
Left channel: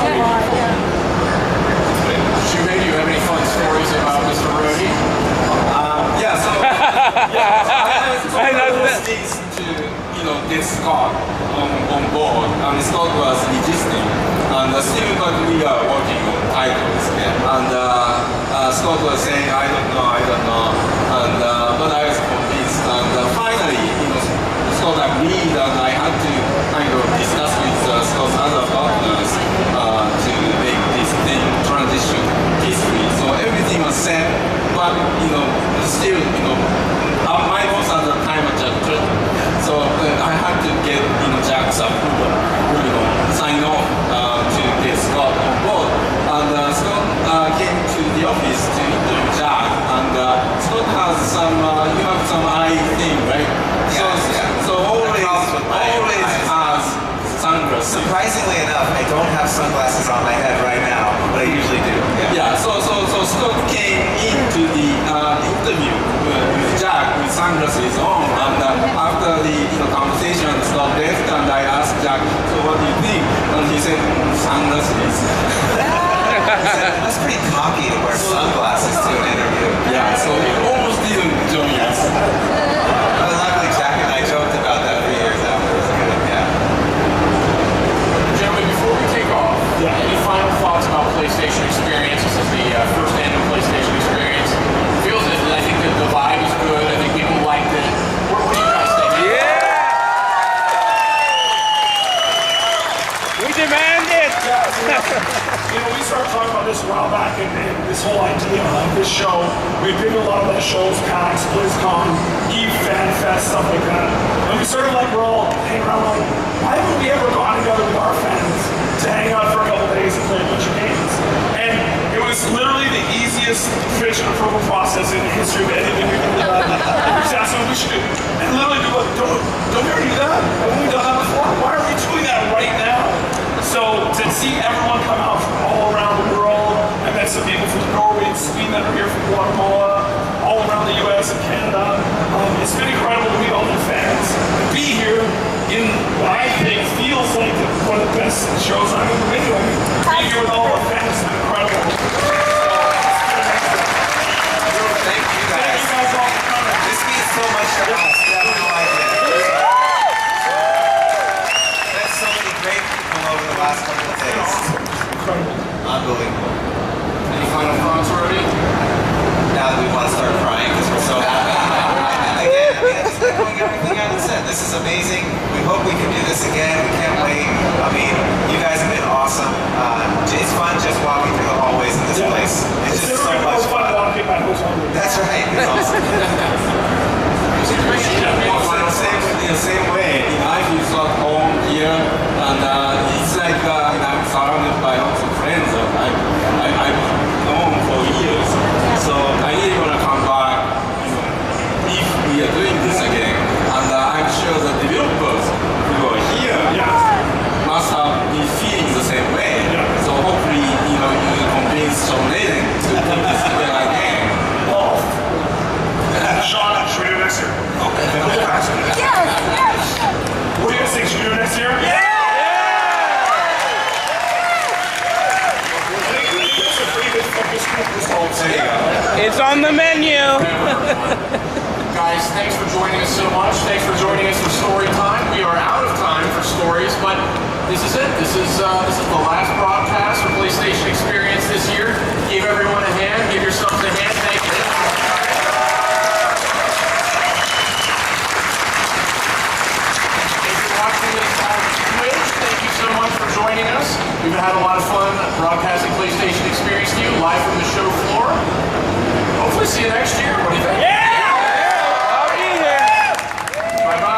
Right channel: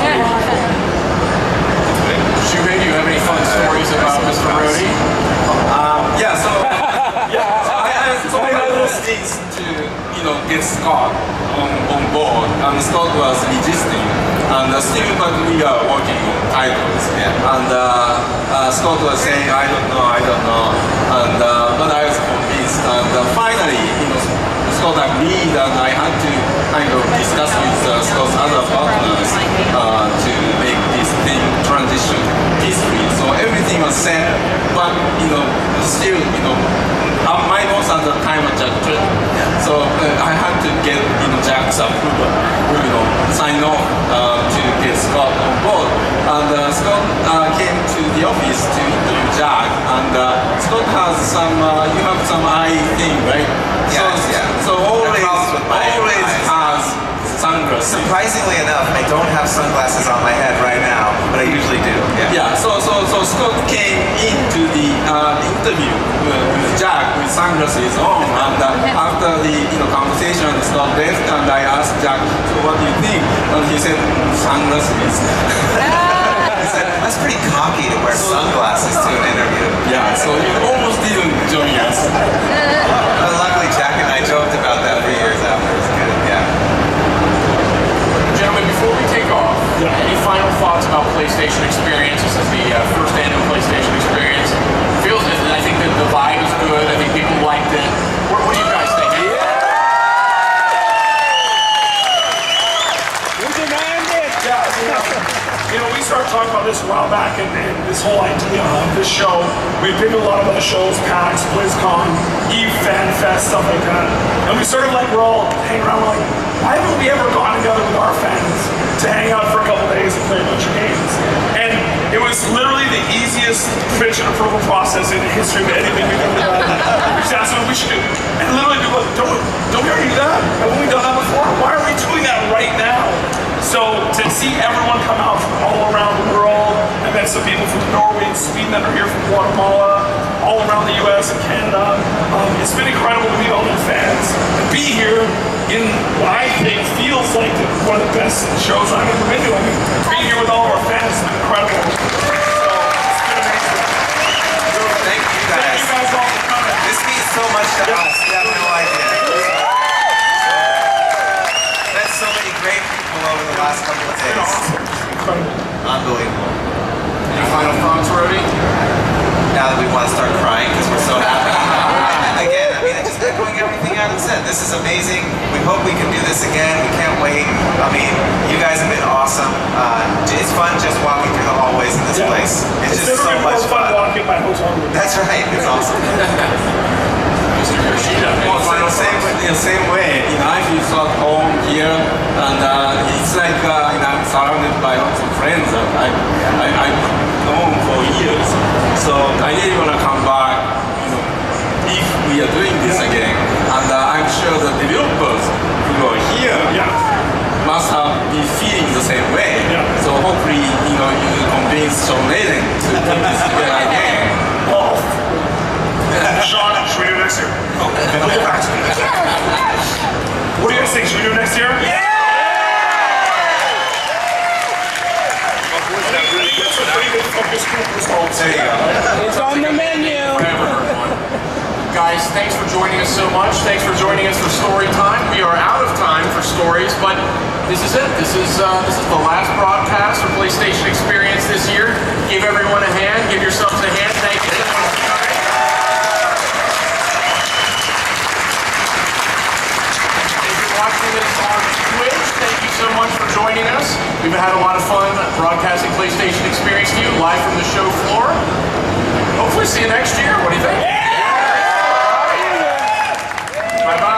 Shuhei, do you have any fun stories about Mr. Rhodey? So I was things to get Scott on board, and Scott was resisting, and still but we are working on titles, and Scott was saying I don't know, and but I was convinced, and finally Scott agreed, and I had to kind of discuss with Scott's other partners to make this thing transition peacefully. So everything was set, but still my boss at the time was Jack Trilling. So I had to get Jack's approval, sign off to get Scott on board. And Scott came to the office to interview Jack, and Scott has you have some eye thing, right? Yes, So always has sunglasses. Surprisingly enough, I don't have sunglasses on my head right now, but I usually do. So Scott came into the interview with Jack with sunglasses on, and after the conversation, Scott left, and I asked Jack, so what do you think? And he said, sunglasses. He said, that's pretty cocky to wear sunglasses to an interview. So he almost didn't join us. But luckily, Jack and I joked about that for years afterwards. Gentlemen, before we take off, any final thoughts about PlayStation Experience? This is the first annual PlayStation Experience. I think that the vibe is good. I think people liked it. What do you guys think? We demand it! We started talking about this a while back, and this whole idea of this show. We've been to a lot of other shows, PAX, BlizzCon, EVE, FanFest, stuff like that. And we started we're all hanging around, why haven't we ever gone together with our fans to hang out for a couple days and play a bunch of games? And it was literally the easiest pitch and approval process in the history of anything we've ever done. That's what we should do. And literally people don't we already do that? Haven't we done that before? Why are we doing that right now? So to see everyone come out from all around the world, I met some people from Norway and Sweden that are here from Guatemala, all around the US and Canada. It's been incredible to meet all the fans and be here in what I think feels like one of the best shows I've ever been to. Being here with all our fans has been incredible. So it's been amazing. Thank you guys. Thank you guys all for coming. This means so much to us. You have no idea. Met so many great people over the last couple of days. Incredible. Unbelievable. Any final thoughts, Rhodey? Now that we want to start crying because we're so happy. Again, it's echoing everything Adam said. This this is amazing. We hope we can do this again. We can't wait. I mean, you guys have been awesome. It's fun just walking through the hallways in this place. It's just so much fun. Walking my hotel room. That's right. It's awesome. In the same way, I feel so at home here, and it's like I'm surrounded by lots of friends that I've known for years. So I really want to come back, if we are doing this again. And I'm sure the developers who are here must have been feeling the same way. So hopefully, you convince Sean Layden to put this together again. Sean, should we do it next year? Okay. What do you guys think? Should we do it next year? Yeah! I think that's a pretty good focus group results. There you go. It's on the menu. Guys, thanks for joining us so much. Thanks for joining us for story time. We are out of time for stories, but this is it. This is the last broadcast for PlayStation Experience this year. Give everyone a hand. Give yourselves a hand. Thank you. Watching this on Twitch, thank you so much for joining us. We've had a lot of fun broadcasting PlayStation Experience to you live from the show floor. Hopefully see you next year. What do you think? Yeah! Bye-bye.